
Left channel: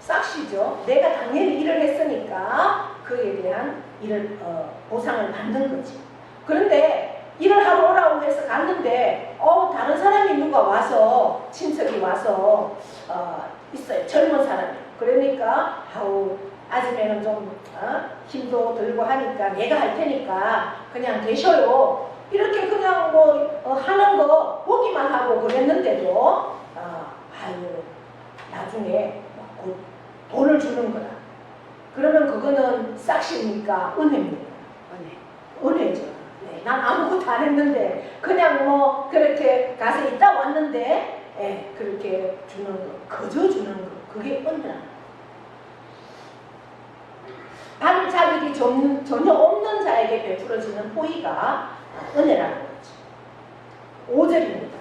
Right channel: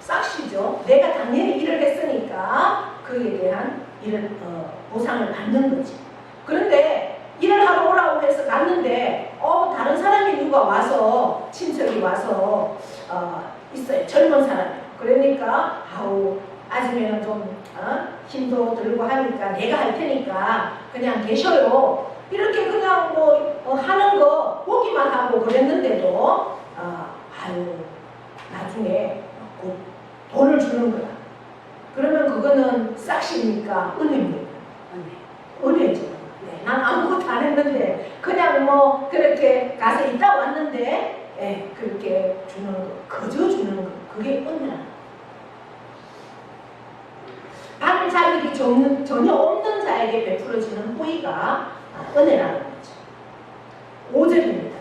싹시죠. 내가 당연히 일을 했으니까 그에 대한 보상을 받는 거죠. 그런데 일을 하러 오라고 해서 갔는데 다른 사람이 누가 와서 친척이 와서 있어요. 젊은 사람이. 그러니까 아침에는 좀 힘도 들고 하니까 내가 할 테니까 그냥 계셔요. 이렇게 그냥 하는 거 보기만 하고 그랬는데도 나중에 돈을 주는 거다. 그러면 그거는 싹시입니까? 은혜입니까? 은혜죠. 난 아무것도 안 했는데 그냥 그렇게 가서 있다 왔는데 그렇게 주는 거, 거저 주는 거, 그게 은혜라는 거. 받을 자격이 전혀 없는 자에게 베풀어지는 호의가 은혜라는 거죠. 5절입니다.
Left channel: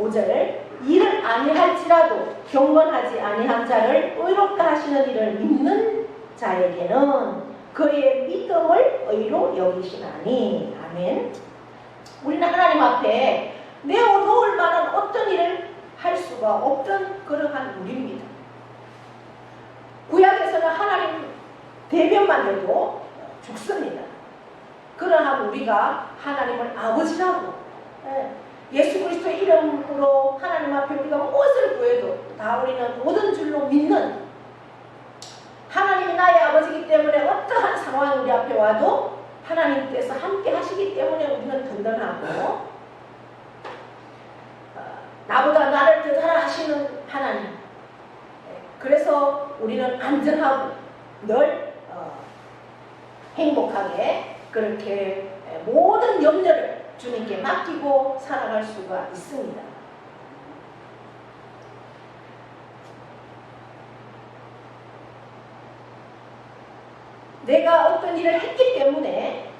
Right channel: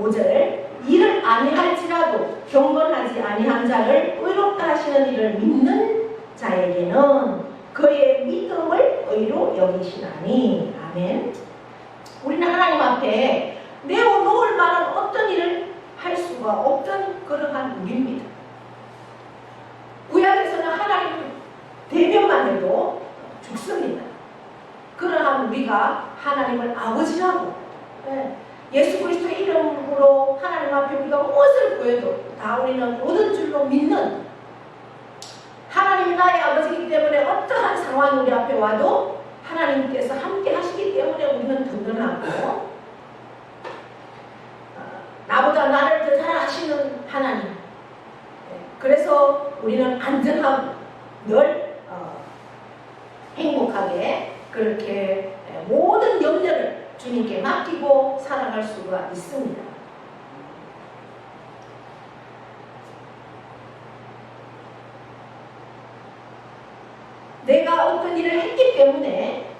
5절, 이를 아니할지라도 경건하지 아니한 자를 의롭다 하시는 이를 믿는 자에게는 그의 믿음을 의로 여기시나니. 아멘. 우리는 하나님 앞에 내어놓을 만한 어떤 일을 할 수가 없던 그러한 우리입니다. 구약에서는 하나님 대면만 해도 죽습니다. 그러한 우리가 하나님을 아버지라고 예수 그리스도의 이름으로 하나님 앞에 우리가 무엇을 구해도 다 우리는 모든 줄로 믿는, 하나님이 나의 아버지이기 때문에 어떠한 상황이 우리 앞에 와도 하나님께서 함께 하시기 때문에 우리는 든든하고, 나보다 나를 더 잘 아시는 하나님, 그래서 우리는 안전하고 늘 행복하게 그렇게 모든 염려를 주님께 맡기고 살아갈 수가 있습니다. 내가 어떤 일을 했기 때문에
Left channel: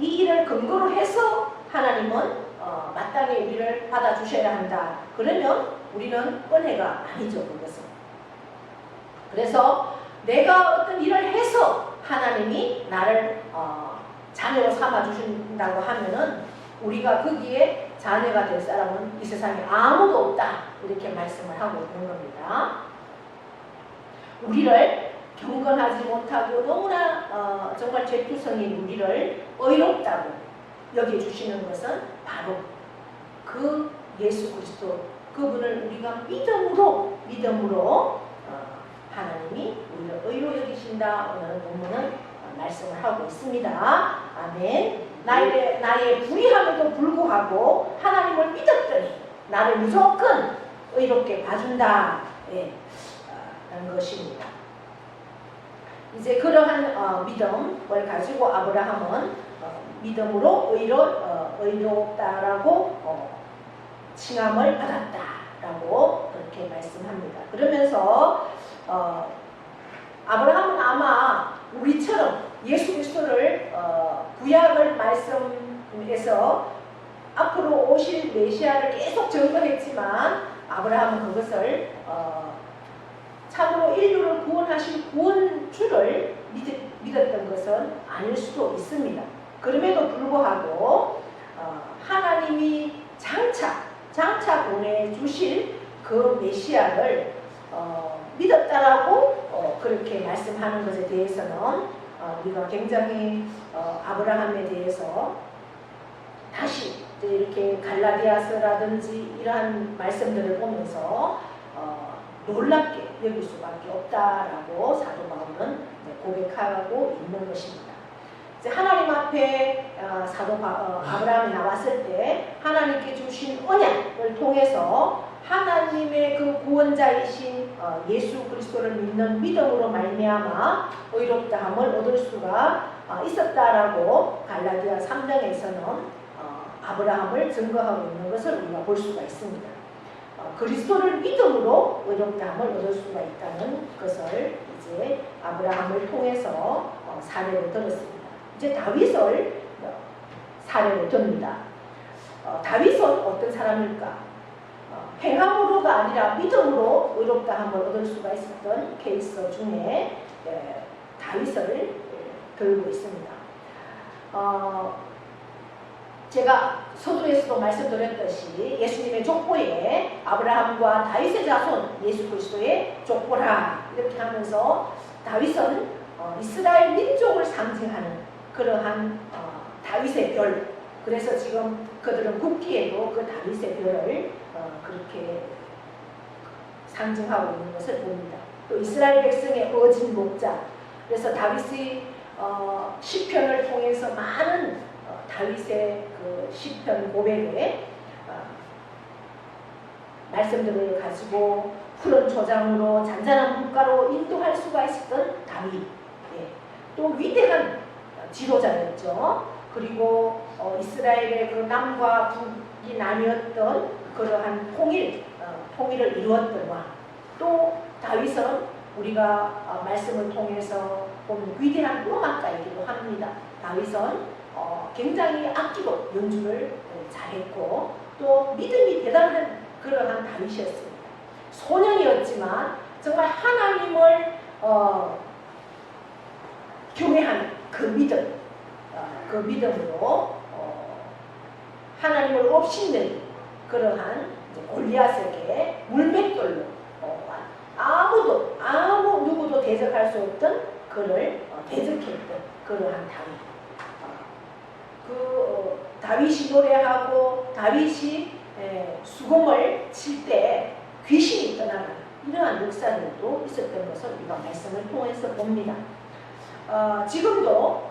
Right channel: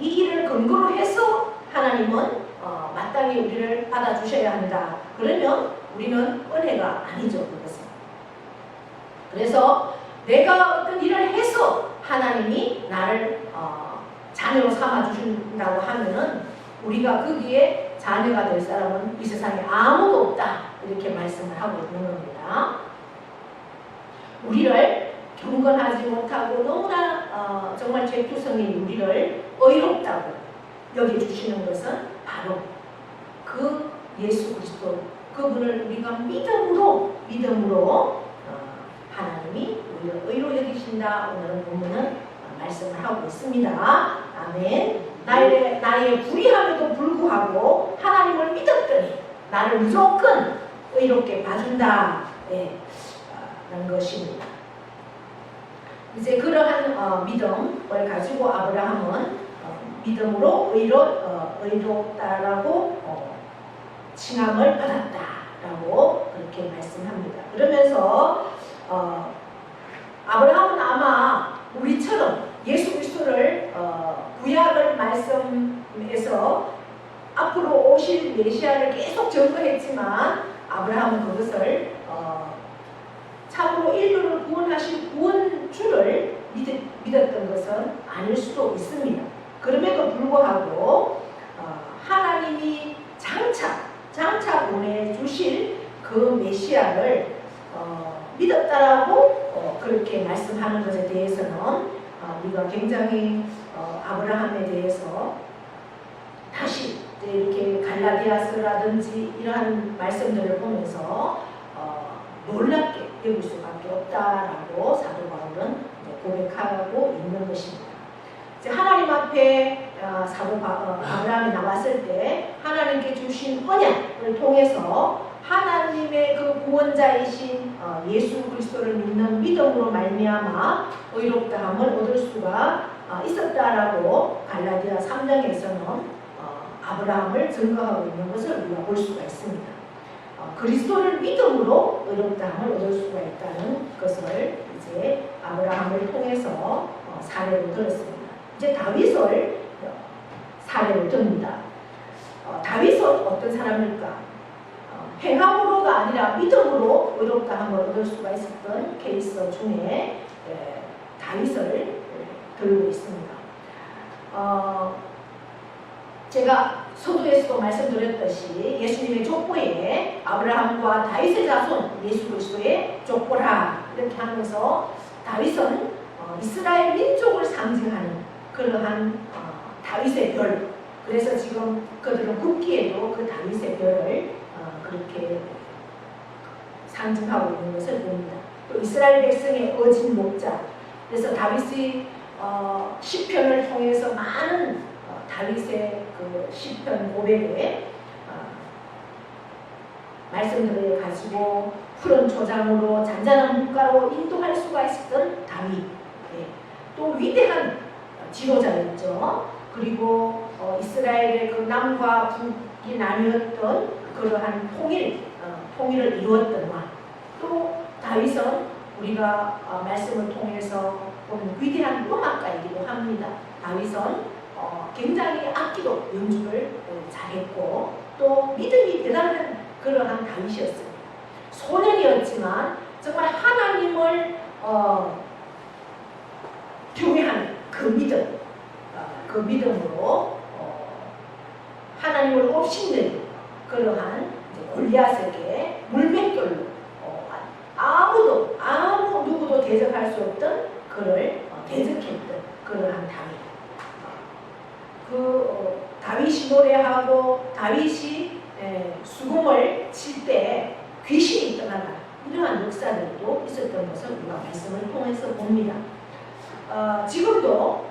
이 일을 근거로 해서 하나님은 마땅히 우리를 받아주셔야 한다. 그러면 우리는 은혜가 아니죠, 그것은. 그래서 내가 어떤 일을 해서 하나님이 나를 자녀로 삼아주신다고 하면은 우리가 거기에 자녀가 될 사람은 이 세상에 아무도 없다. 이렇게 말씀을 하고 있는 겁니다. 우리를 경건하지 못하고 너무나 정말 죄투성인 우리를 의롭다고 여겨주시는 것은 바로 그 예수 그리스도, 그분을 우리가 믿음으로 하나님이 우리를 의로 여기신다. 오늘은 본문은 말씀을 하고 있습니다. 아멘. 나의 불의함에도 불구하고 하나님을 믿었더니 나를 무조건 의롭게 봐준다. 라는 것입니다. 이제 그러한 믿음을 가지고 아브라함은 믿음으로 의롭다라고 칭함을 받았다라고 그렇게 말씀합니다. 그러면서 아브라함은 아마 우리처럼 예수 그리스도를 구약을 말씀에서 앞으로 오실 메시아를 계속 전거했지만 아브라함은 그것을 참으로 인류를 구원하실 구원주를 믿었던 것은 아닐 수도 있습니다. 그럼에도 불구하고 하나님이 장차 보내주실 그 메시아를 믿었다라고 그렇게 말씀하는 것에 대해서는 우리가 굉장히 아브라함에 대해서 다시 이렇게 갈라디아서라든지 이러한 말씀들을 보면서 놀랍게 여길 수밖에 없다라고 사도 바울은 고백하고 있는 것입니다. 이제 하나님 앞에 아브라함이 나왔을 때 하나님께 주신 언약을 통해서 하나님의 그 구원자이신 예수 그리스도를 믿는 믿음으로 말미암아 의롭다함을 얻을 수가 있었다라고 갈라디아 3장에서는 아브라함을 증거하고 있는 것을 우리가 볼 수가 있습니다. 그리스도를 믿음으로 의롭다함을 얻을 수가 있다는 것을 이제 아브라함을 통해서 사례로 들었습니다. 이제 다윗을 사례로 듭니다. 다윗은 어떤 사람일까? 행함으로가 아니라 믿음으로 의롭다함을 얻을 수가 있었던 케이스 중에 다윗을 들고 있습니다. 제가 서두에서도 말씀드렸듯이 예수님의 족보에 아브라함과 다윗의 자손 예수 그리스도의 족보라 이렇게 하면서 다윗은 이스라엘 민족을 상징하는 그러한 다윗의 별, 그래서 지금 그들은 국기에도 그 다윗의 별을 그렇게 상징하고 있는 것을 봅니다. 또 이스라엘 백성의 어진 목자, 그래서 다윗의 시편을 통해서 많은 다윗의 그 시편 고백에 말씀들을 가지고 푸른 초장으로 잔잔한 물가로 인도할 수가 있었던 다윗, 또 위대한 지도자였죠. 그리고 이스라엘의 그 남과 북이 나뉘었던 그러한 통일을 이루었던 와, 또 다윗은 우리가 말씀을 통해서 보면 위대한 음악가이기도 합니다. 다윗은 굉장히 악기도 연주를 잘했고 또 믿음이 대단한 그러한 다윗이었습니다. 소년이었지만 정말 하나님을 경외하는 그 믿음, 그 믿음으로 하나님을 업신여긴 그러한 골리앗에게 물맷돌로 아무 누구도 대적할 수 없던 그를 대적했던 그러한 다윗. 다윗이 노래하고 다윗이 수금을 칠 때 귀신이 떠나가는 이러한 역사들도 있었던 것을 우리가 말씀을 통해서 봅니다. 지금도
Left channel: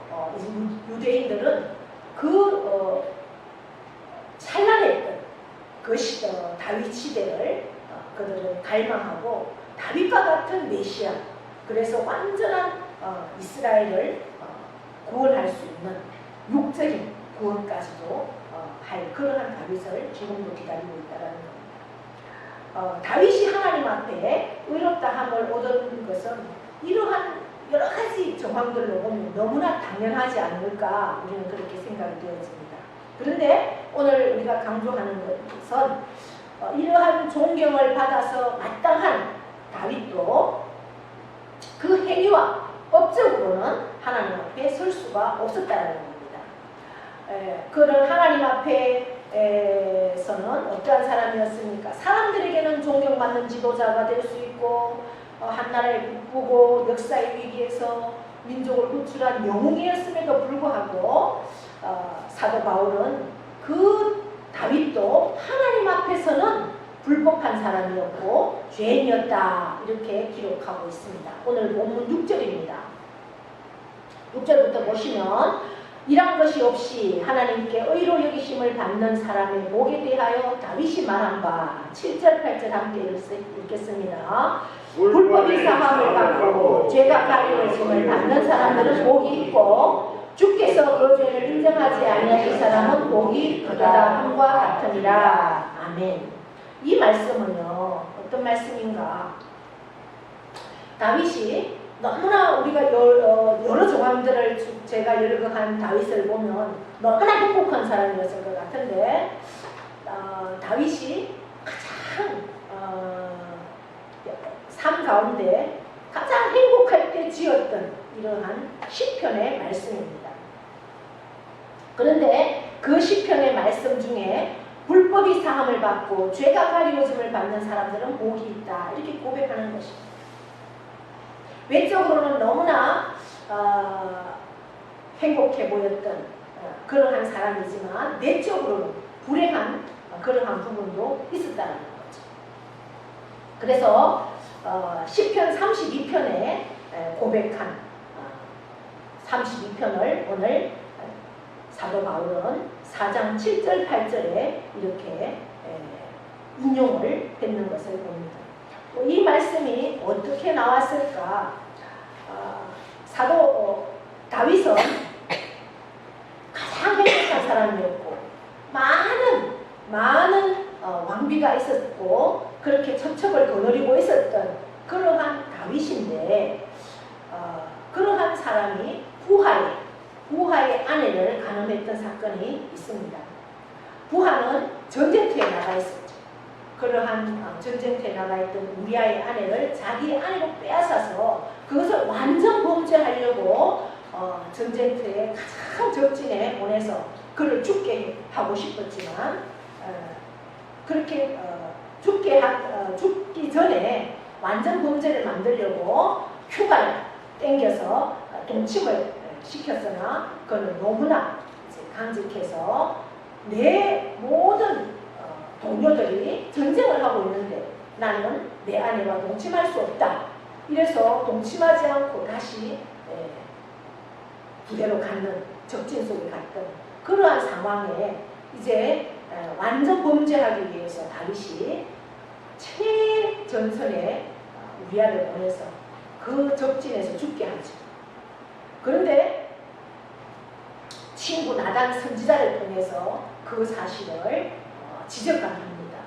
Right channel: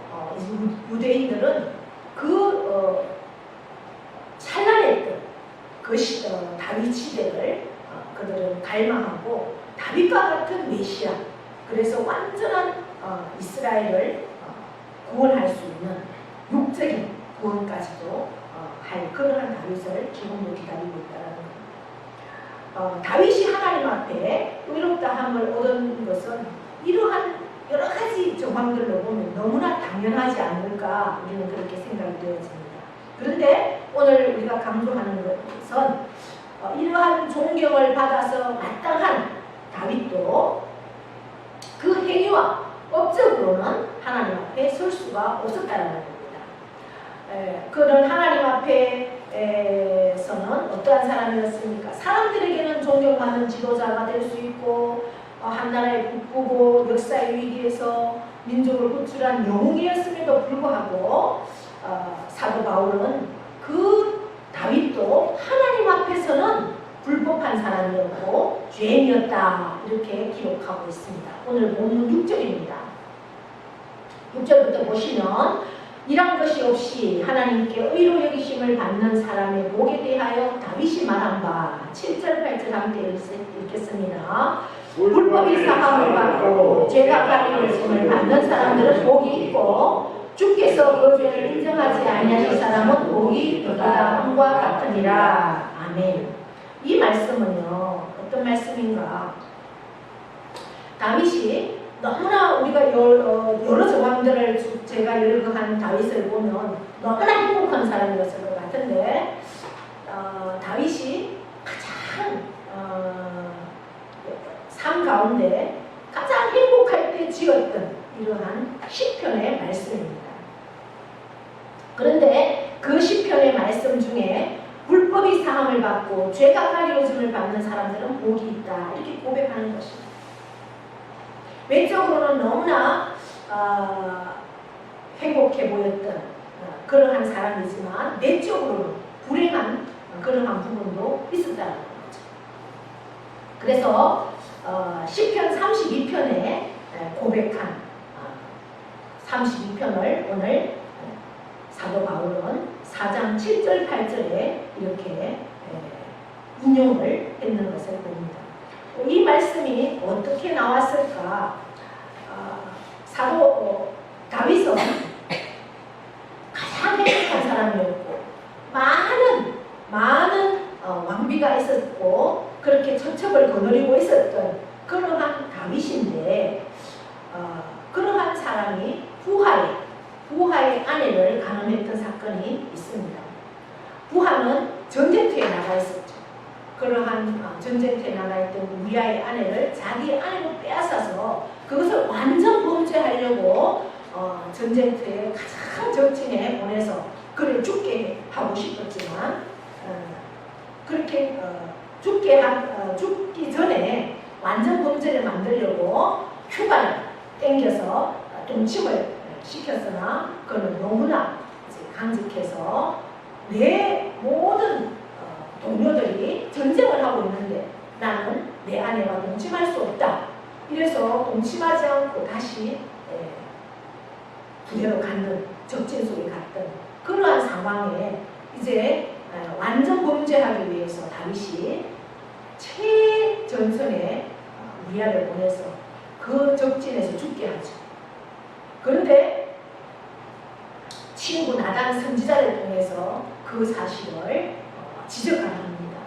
유대인들은 그 찬란했던 그 다윗 시대를 그들은 갈망하고 다윗과 같은 메시아, 그래서 완전한 이스라엘을 구원할 수 있는 육적인 구원까지도 할 그러한 다윗을 지금도 기다리고 있다는 겁니다. 다윗이 하나님 앞에 의롭다함을 얻은 것은 이러한 여러 가지 정황들로 보면 너무나 당연하지 않을까 우리는 그렇게 생각이 되어집니다. 그런데 오늘 우리가 강조하는 것은 이러한 존경을 받아서 마땅한 다윗도 그 행위와 법적으로는 하나님 앞에 설 수가 없었다는 겁니다. 그는 하나님 앞에서는 어떠한 사람이었습니까? 사람들에게는 존경받는 지도자가 될 수 있고 한 나라의 북부고 역사의 위기에서 민족을 구출한 영웅이었음에도 불구하고 사도 바울은 그 다윗도 하나님 앞에서는 불법한 사람이었고 죄인이었다 이렇게 기록하고 있습니다. 오늘 본문 6절입니다. 6절부터 보시면 이런 것이 없이 하나님께 의로 여기심을 받는 사람의 목에 대하여 다윗이 말한 바 7절 8절 함께 읽겠습니다. 불법이 사함을 받고 죄가 가리워짐을 받는 사람들은 복이 있고 주께서 그 죄를 인정하지 아니하신 사람은 복이 없다 함과 같으니라. 아멘. 이 말씀은요 어떤 말씀인가? 다윗이 너무나 우리가 여러 정황들을 제가 열거한 다윗을 보면 너무나 행복한 사람이었을 것 같은데 다윗이 가장 삶 가운데 가장 행복할 때 지었던 이러한 시편의 말씀입니다. 그런데 그 시편의 말씀 중에 불법이 사함을 받고 죄가 가리워짐을 받는 사람들은 복이 있다 이렇게 고백하는 것입니다. 외적으로는 너무나 행복해 보였던 그러한 사람이지만 내적으로는 불행한 그러한 부분도 있었다는 거죠. 그래서 시편 32편에 고백한 32편을 오늘 사도 바울은 4장 7절 8절에 이렇게 인용을 했는 것을 봅니다. 이 말씀이 어떻게 나왔을까? 사도 다윗은 가장 행복한 사람이었고 많은 많은 왕비가 있었고 그렇게 천척을 거느리고 있었던 그러한 다윗인데 그러한 사람이 부하의 아내를 간음했던 사건이 있습니다. 부하는 전쟁터에 나가 있었죠. 그러한 전쟁터에 나가 있던 우리아의 아내를 자기 아내로 빼앗아서 그것을 완전 범죄하려고 전쟁터에 가장 적진에 보내서 그를 죽게 하고 싶었지만 그렇게 죽기 전에 완전 범죄를 만들려고 휴가를 땡겨서 동침을 시켰으나 그는 너무나 강직해서 내 모든 동료들이 전쟁을 하고 있는데 나는 내 아내와 동침할 수 없다. 이래서 동침하지 않고 다시 부대로 갔던 적진 속에 갔던 그러한 상황에 이제 완전 범죄하기 위해서 다윗이 최전선에 우리아를 보내서 그 적진에서 죽게 하죠. 그런데 친구 나단 선지자를 통해서 그 사실을 지적합니다.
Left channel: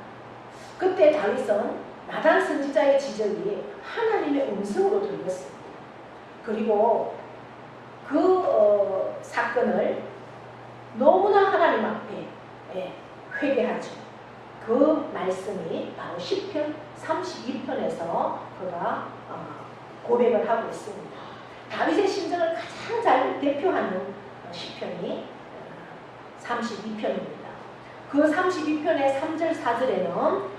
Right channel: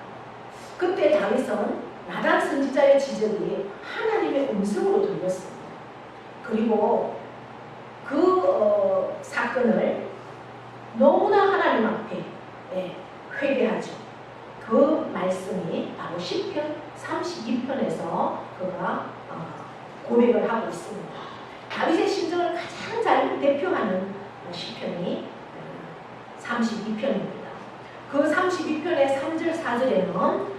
그때 다윗은 나단 선지자의 지적이 하나님의 음성으로 들렸습니다. 그리고 그 사건을 너무나 하나님 앞에 회개하죠. 그 말씀이 바로 시편 32편에서 그가 고백을 하고 있습니다. 다윗의 심정을 가장 잘 대표하는 시편이 32편입니다. 그 32편의 3절 4절에는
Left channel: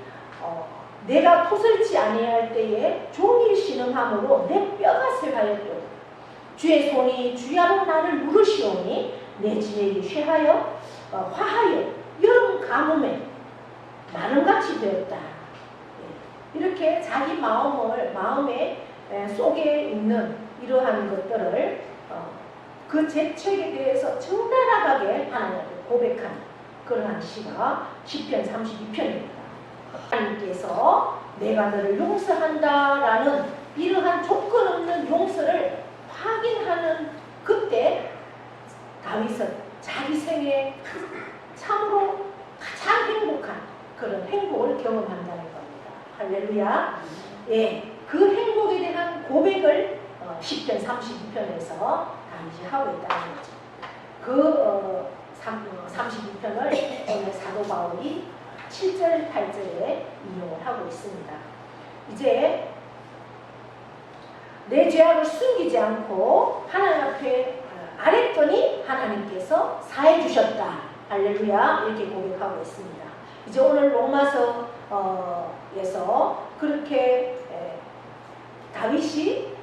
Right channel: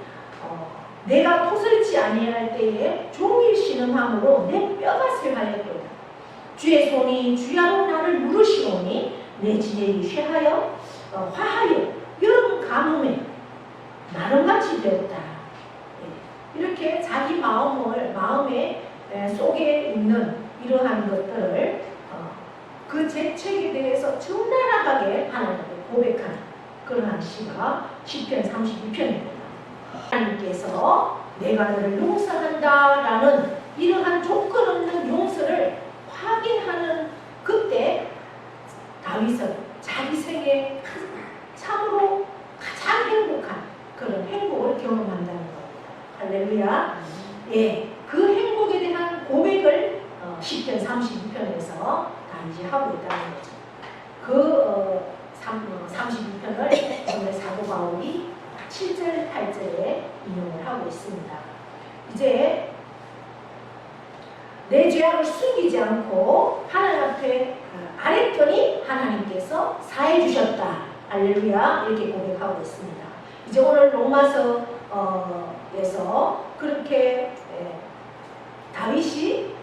내가 토설치 아니할 때에 종일 신음함으로 내 뼈가 쇠하였도다. 주의 손이 주야로 나를 물으시오니 내 지혜를 화하여 여름 가뭄에 마름같이 되었다. 이렇게 자기 마음의 속에 있는 이러한 것들을 그 죄책에 대해서 적나라하게 하나님께 고백하는 그러한 시가 시편 32편입니다. 하나님께서 내가 너를 용서한다라는 이러한 조건 없는 용서를 확인하는 그때 다윗은 자기 생에 참으로 가장 행복한 그런 행복을 경험한다는 겁니다. 할렐루야. 그 행복에 대한 고백을 시편 32편에서 다윗이 하고 있다는 거죠. 그 32편을 오늘 사도 바울이 7절, 8절에 인용을 하고 있습니다. 이제 내 죄악을 숨기지 않고 하나님 앞에 아랬더니 하나님께서 사해 주셨다. 할렐루야. 이렇게 고백하고 있습니다. 이제 오늘 로마서에서 그렇게 다윗이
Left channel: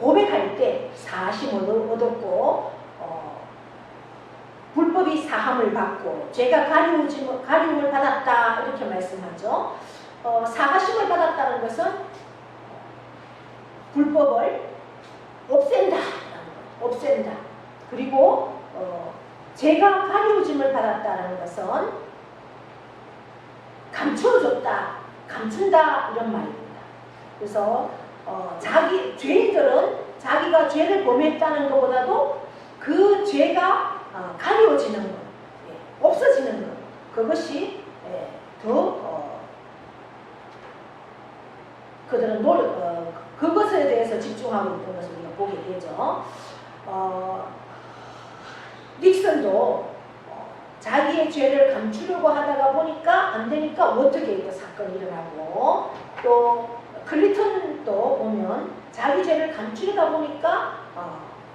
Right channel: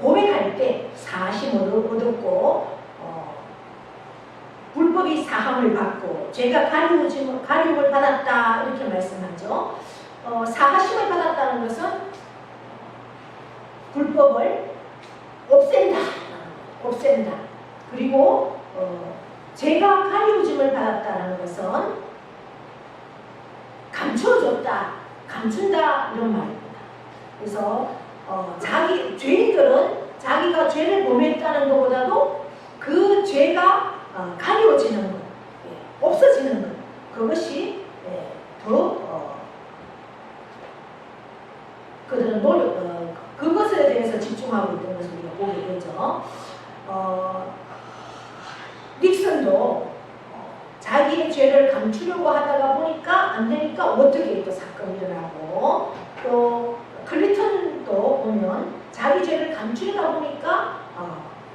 고백할 때 사하심을 얻었고 불법이 사함을 받고 죄가 가리움을 받았다 이렇게 말씀하죠. 사하심을 받았다는 것은 불법을 없앤다. 그리고 죄가 가리움을 받았다는 것은 감춘다 이런 말입니다. 그래서 죄인들은 자기가 죄를 범했다는 것보다도 그 죄가 가려지는 것, 없어지는 것, 그것이 그들은 그것에 대해서 집중하고 있는 것을 우리가 보게 되죠. 닉슨도 자기의 죄를 감추려고 하다가 보니까 안 되니까 어떻게 또 사건이 일어나고, 또 클린턴도 보면 자기 죄를 감추려다 보니까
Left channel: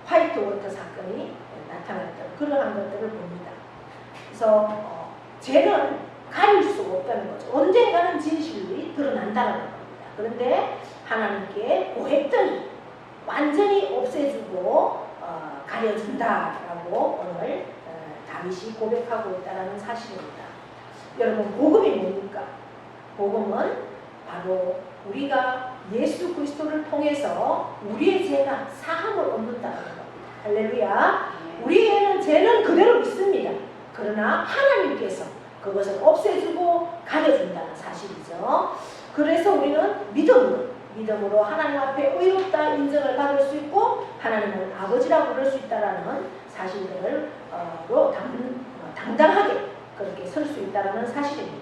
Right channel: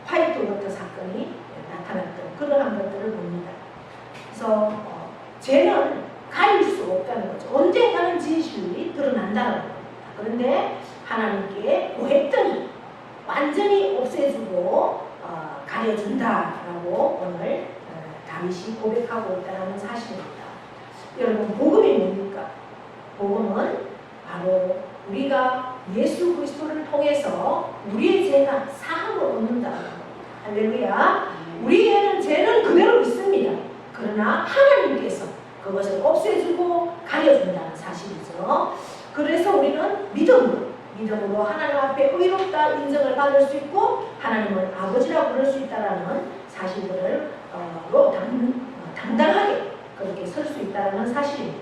화이트워터 사건이 나타났던 그러한 것들을 봅니다. 그래서 죄는 가릴 수 없다는 거죠. 언젠가는 진실이 드러난다는 겁니다. 그런데 하나님께 고했더니 완전히 없애주고 가려준다라고 오늘 다윗이 고백하고 있다는 사실입니다. 여러분, 복음이 뭡니까? 복음은 바로 우리가 예수 그리스도를 통해서 우리의 죄가 사함을 얻는다는 겁니다. 할렐루야. 우리에게는 죄는 그대로 있습니다. 그러나 하나님께서 그것을 없애주고 가려준다는 사실이죠. 그래서 우리는 믿음으로 하나님 앞에 의롭다 인정을 받을 수 있고 하나님은 아버지라고 부를 수 있다는 사실들로 당당하게 그렇게 설 수 있다는 사실입니다.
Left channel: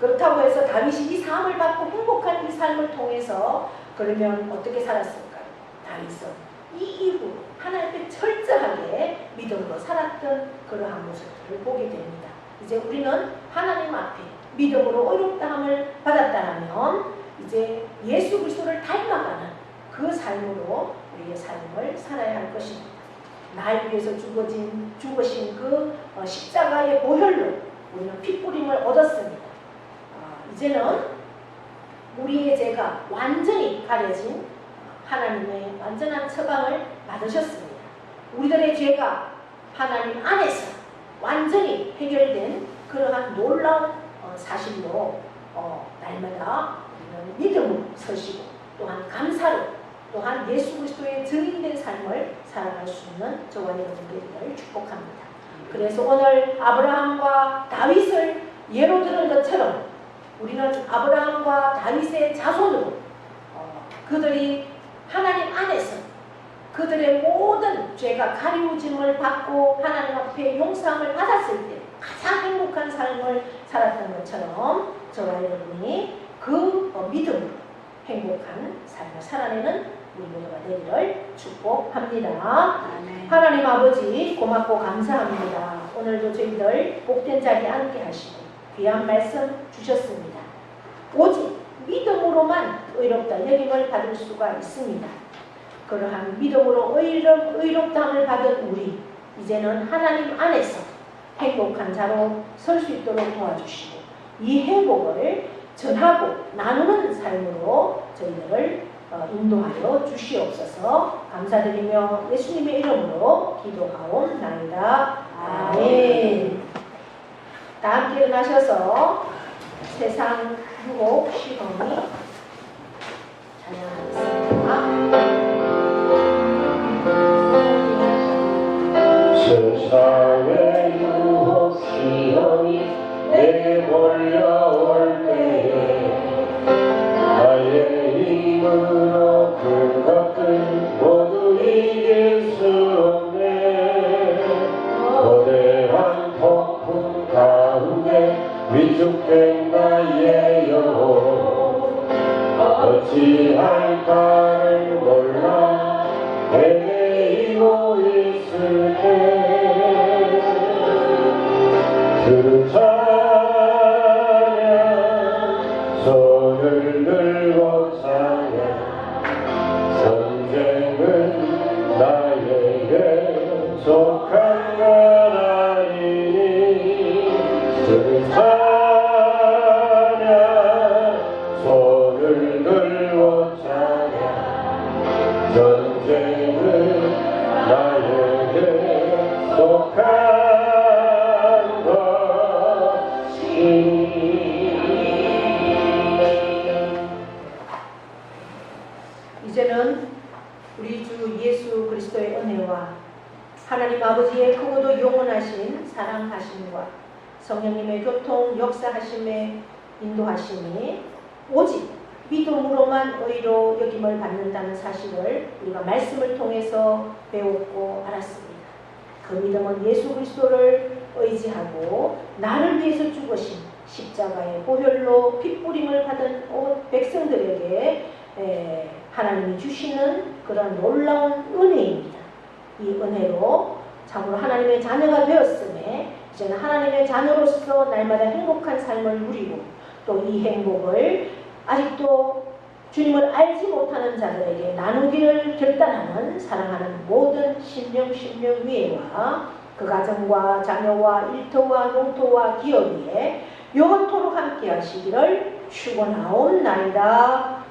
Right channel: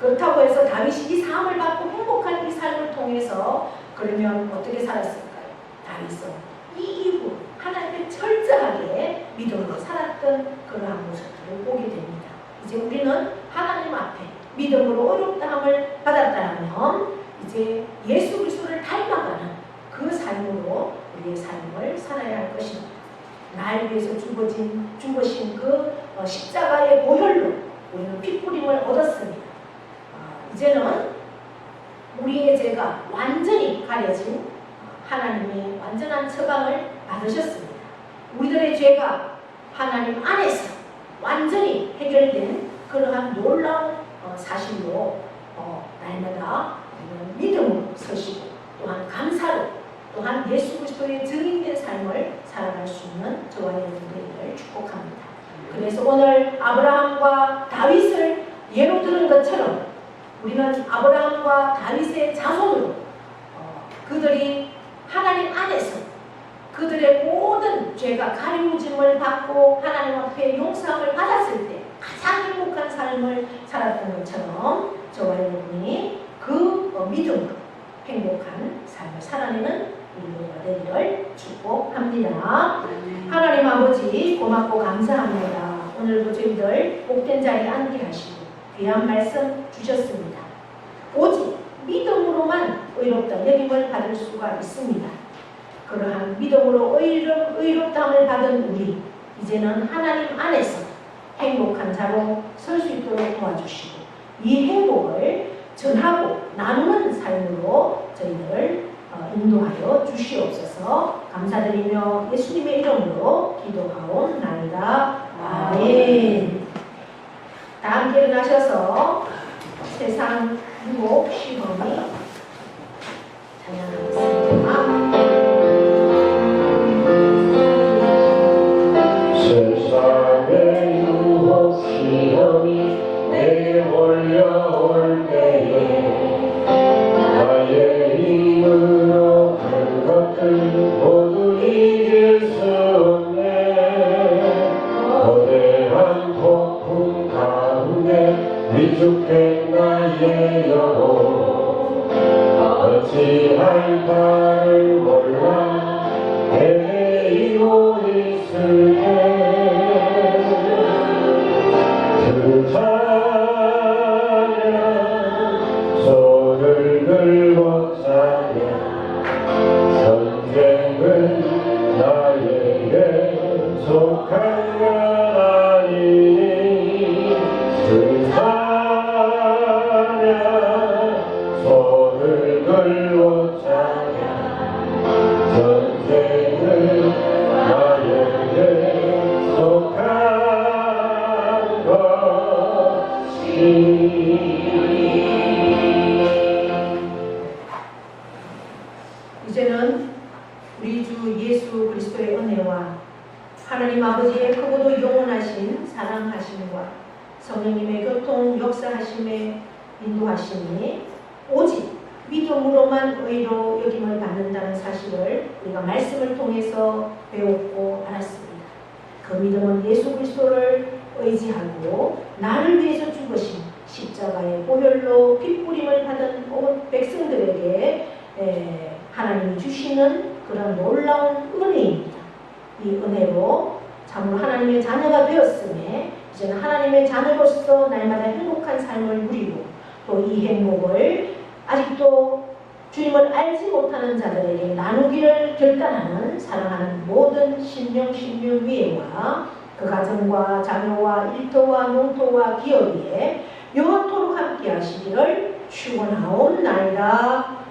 그렇다고 해서 다윗이 이 삶을 받고 행복한 이 삶을 통해서 그러면 어떻게 살았을까요? 다윗은 이 이후 하나님께 철저하게 믿음으로 살았던 그러한 모습들을 보게 됩니다. 이제 우리는 하나님 앞에 믿음으로 어렵다함을 받았다면 이제 예수 그리스도를 닮아가는 그 삶으로 우리의 삶을 살아야 할 것입니다. 날 위해서 죽으신 그 십자가의 보혈로 우리는 핏부림을 얻었습니다. 이제는 우리의 죄가 완전히 가려진 하나님의 완전한 처방을 받으셨습니다. 우리들의 죄가 하나님 안에서 완전히 해결된 그러한 놀라운 사실로 날마다 우리는 믿음으로 서시고 또한 감사로 또한 예수 그리스도의 증인된 삶을 살아갈 수 있는 저와 여러분들을 축복합니다. 그래서 오늘 아브라함과 다윗을 예로 들은 것처럼 우리는 아브라함과 다윗의 자손으로 그들이 하나님 안에서 그들의 모든 죄가 가리우짐을 받고 하나님 앞에 용서함을 받았을 때 가장 행복한 삶을 살았던 것처럼 저와 여러분이 그 믿음으로 행복한 삶을 살아내는 우리가 되기를 축복합니다. 하나님 아버지 고맙고 감사합니다. 오늘도 저희들 복된 자리에 앉게 하시고 귀한 말씀 주셨습니다. 오직 믿음으로만 의롭다 여김을 받을 수가 있습니다. 그러한 믿음으로 의롭다함을 받은 우리 이제는 하나님 안에서 행복한 자로 설 수 있도록 도와주시고 이 행복을 전하고 나누는 삶으로 저희들을 인도하여 주시옵소서. 감사드리며 예수님의 이름으로 기도하옵나이다. 아멘. 다 함께 일어나셔서 세상 행복 시험이 찬양하겠습니다. 세상의 유혹 시험이 내게 몰려올 때에 나의 힘으로 큰 것들 모두 이길 수 없네. 거대한 폭풍 가운데 위축된 나의 영혼 어찌할까를 몰라 헤매이고 있을 때 그 찬양 손을 들고 찬양 전쟁은 나에게 속한 건 아니니 그 찬양 손을 들고 찬양 전쟁은 나에게 속한 이제는 우리 주 예수 그리스도의 은혜와 하나님 아버지의 크고도 영원하신 사랑하심과 성령님의 교통 역사하심에 인도하심이 오직 믿음으로만 의로 여김을 받는다는 사실을 우리가 말씀을 통해서 배웠고 알았습니다. 그 믿음은 예수 그리스도를 의지하고 나를 위해서 죽으신 십자가의 보혈로 핏부림을 받은 온 백성들에게 하나님이 주시는 그런 놀라운 은혜입니다. 이 은혜로 참으로 하나님의 자녀가 되었음에 이제는 하나님의 자녀로서 날마다 행복한 삶을 누리고 또 이 행복을 아직도 주님을 알지 못하는 자들에게 나누기를 결단하는 사랑하는 모든 신령위에와 그 가정과 자녀와 일터와 농토와 기업 위에 영원토록 함께 하시기를 축원하옵나이다.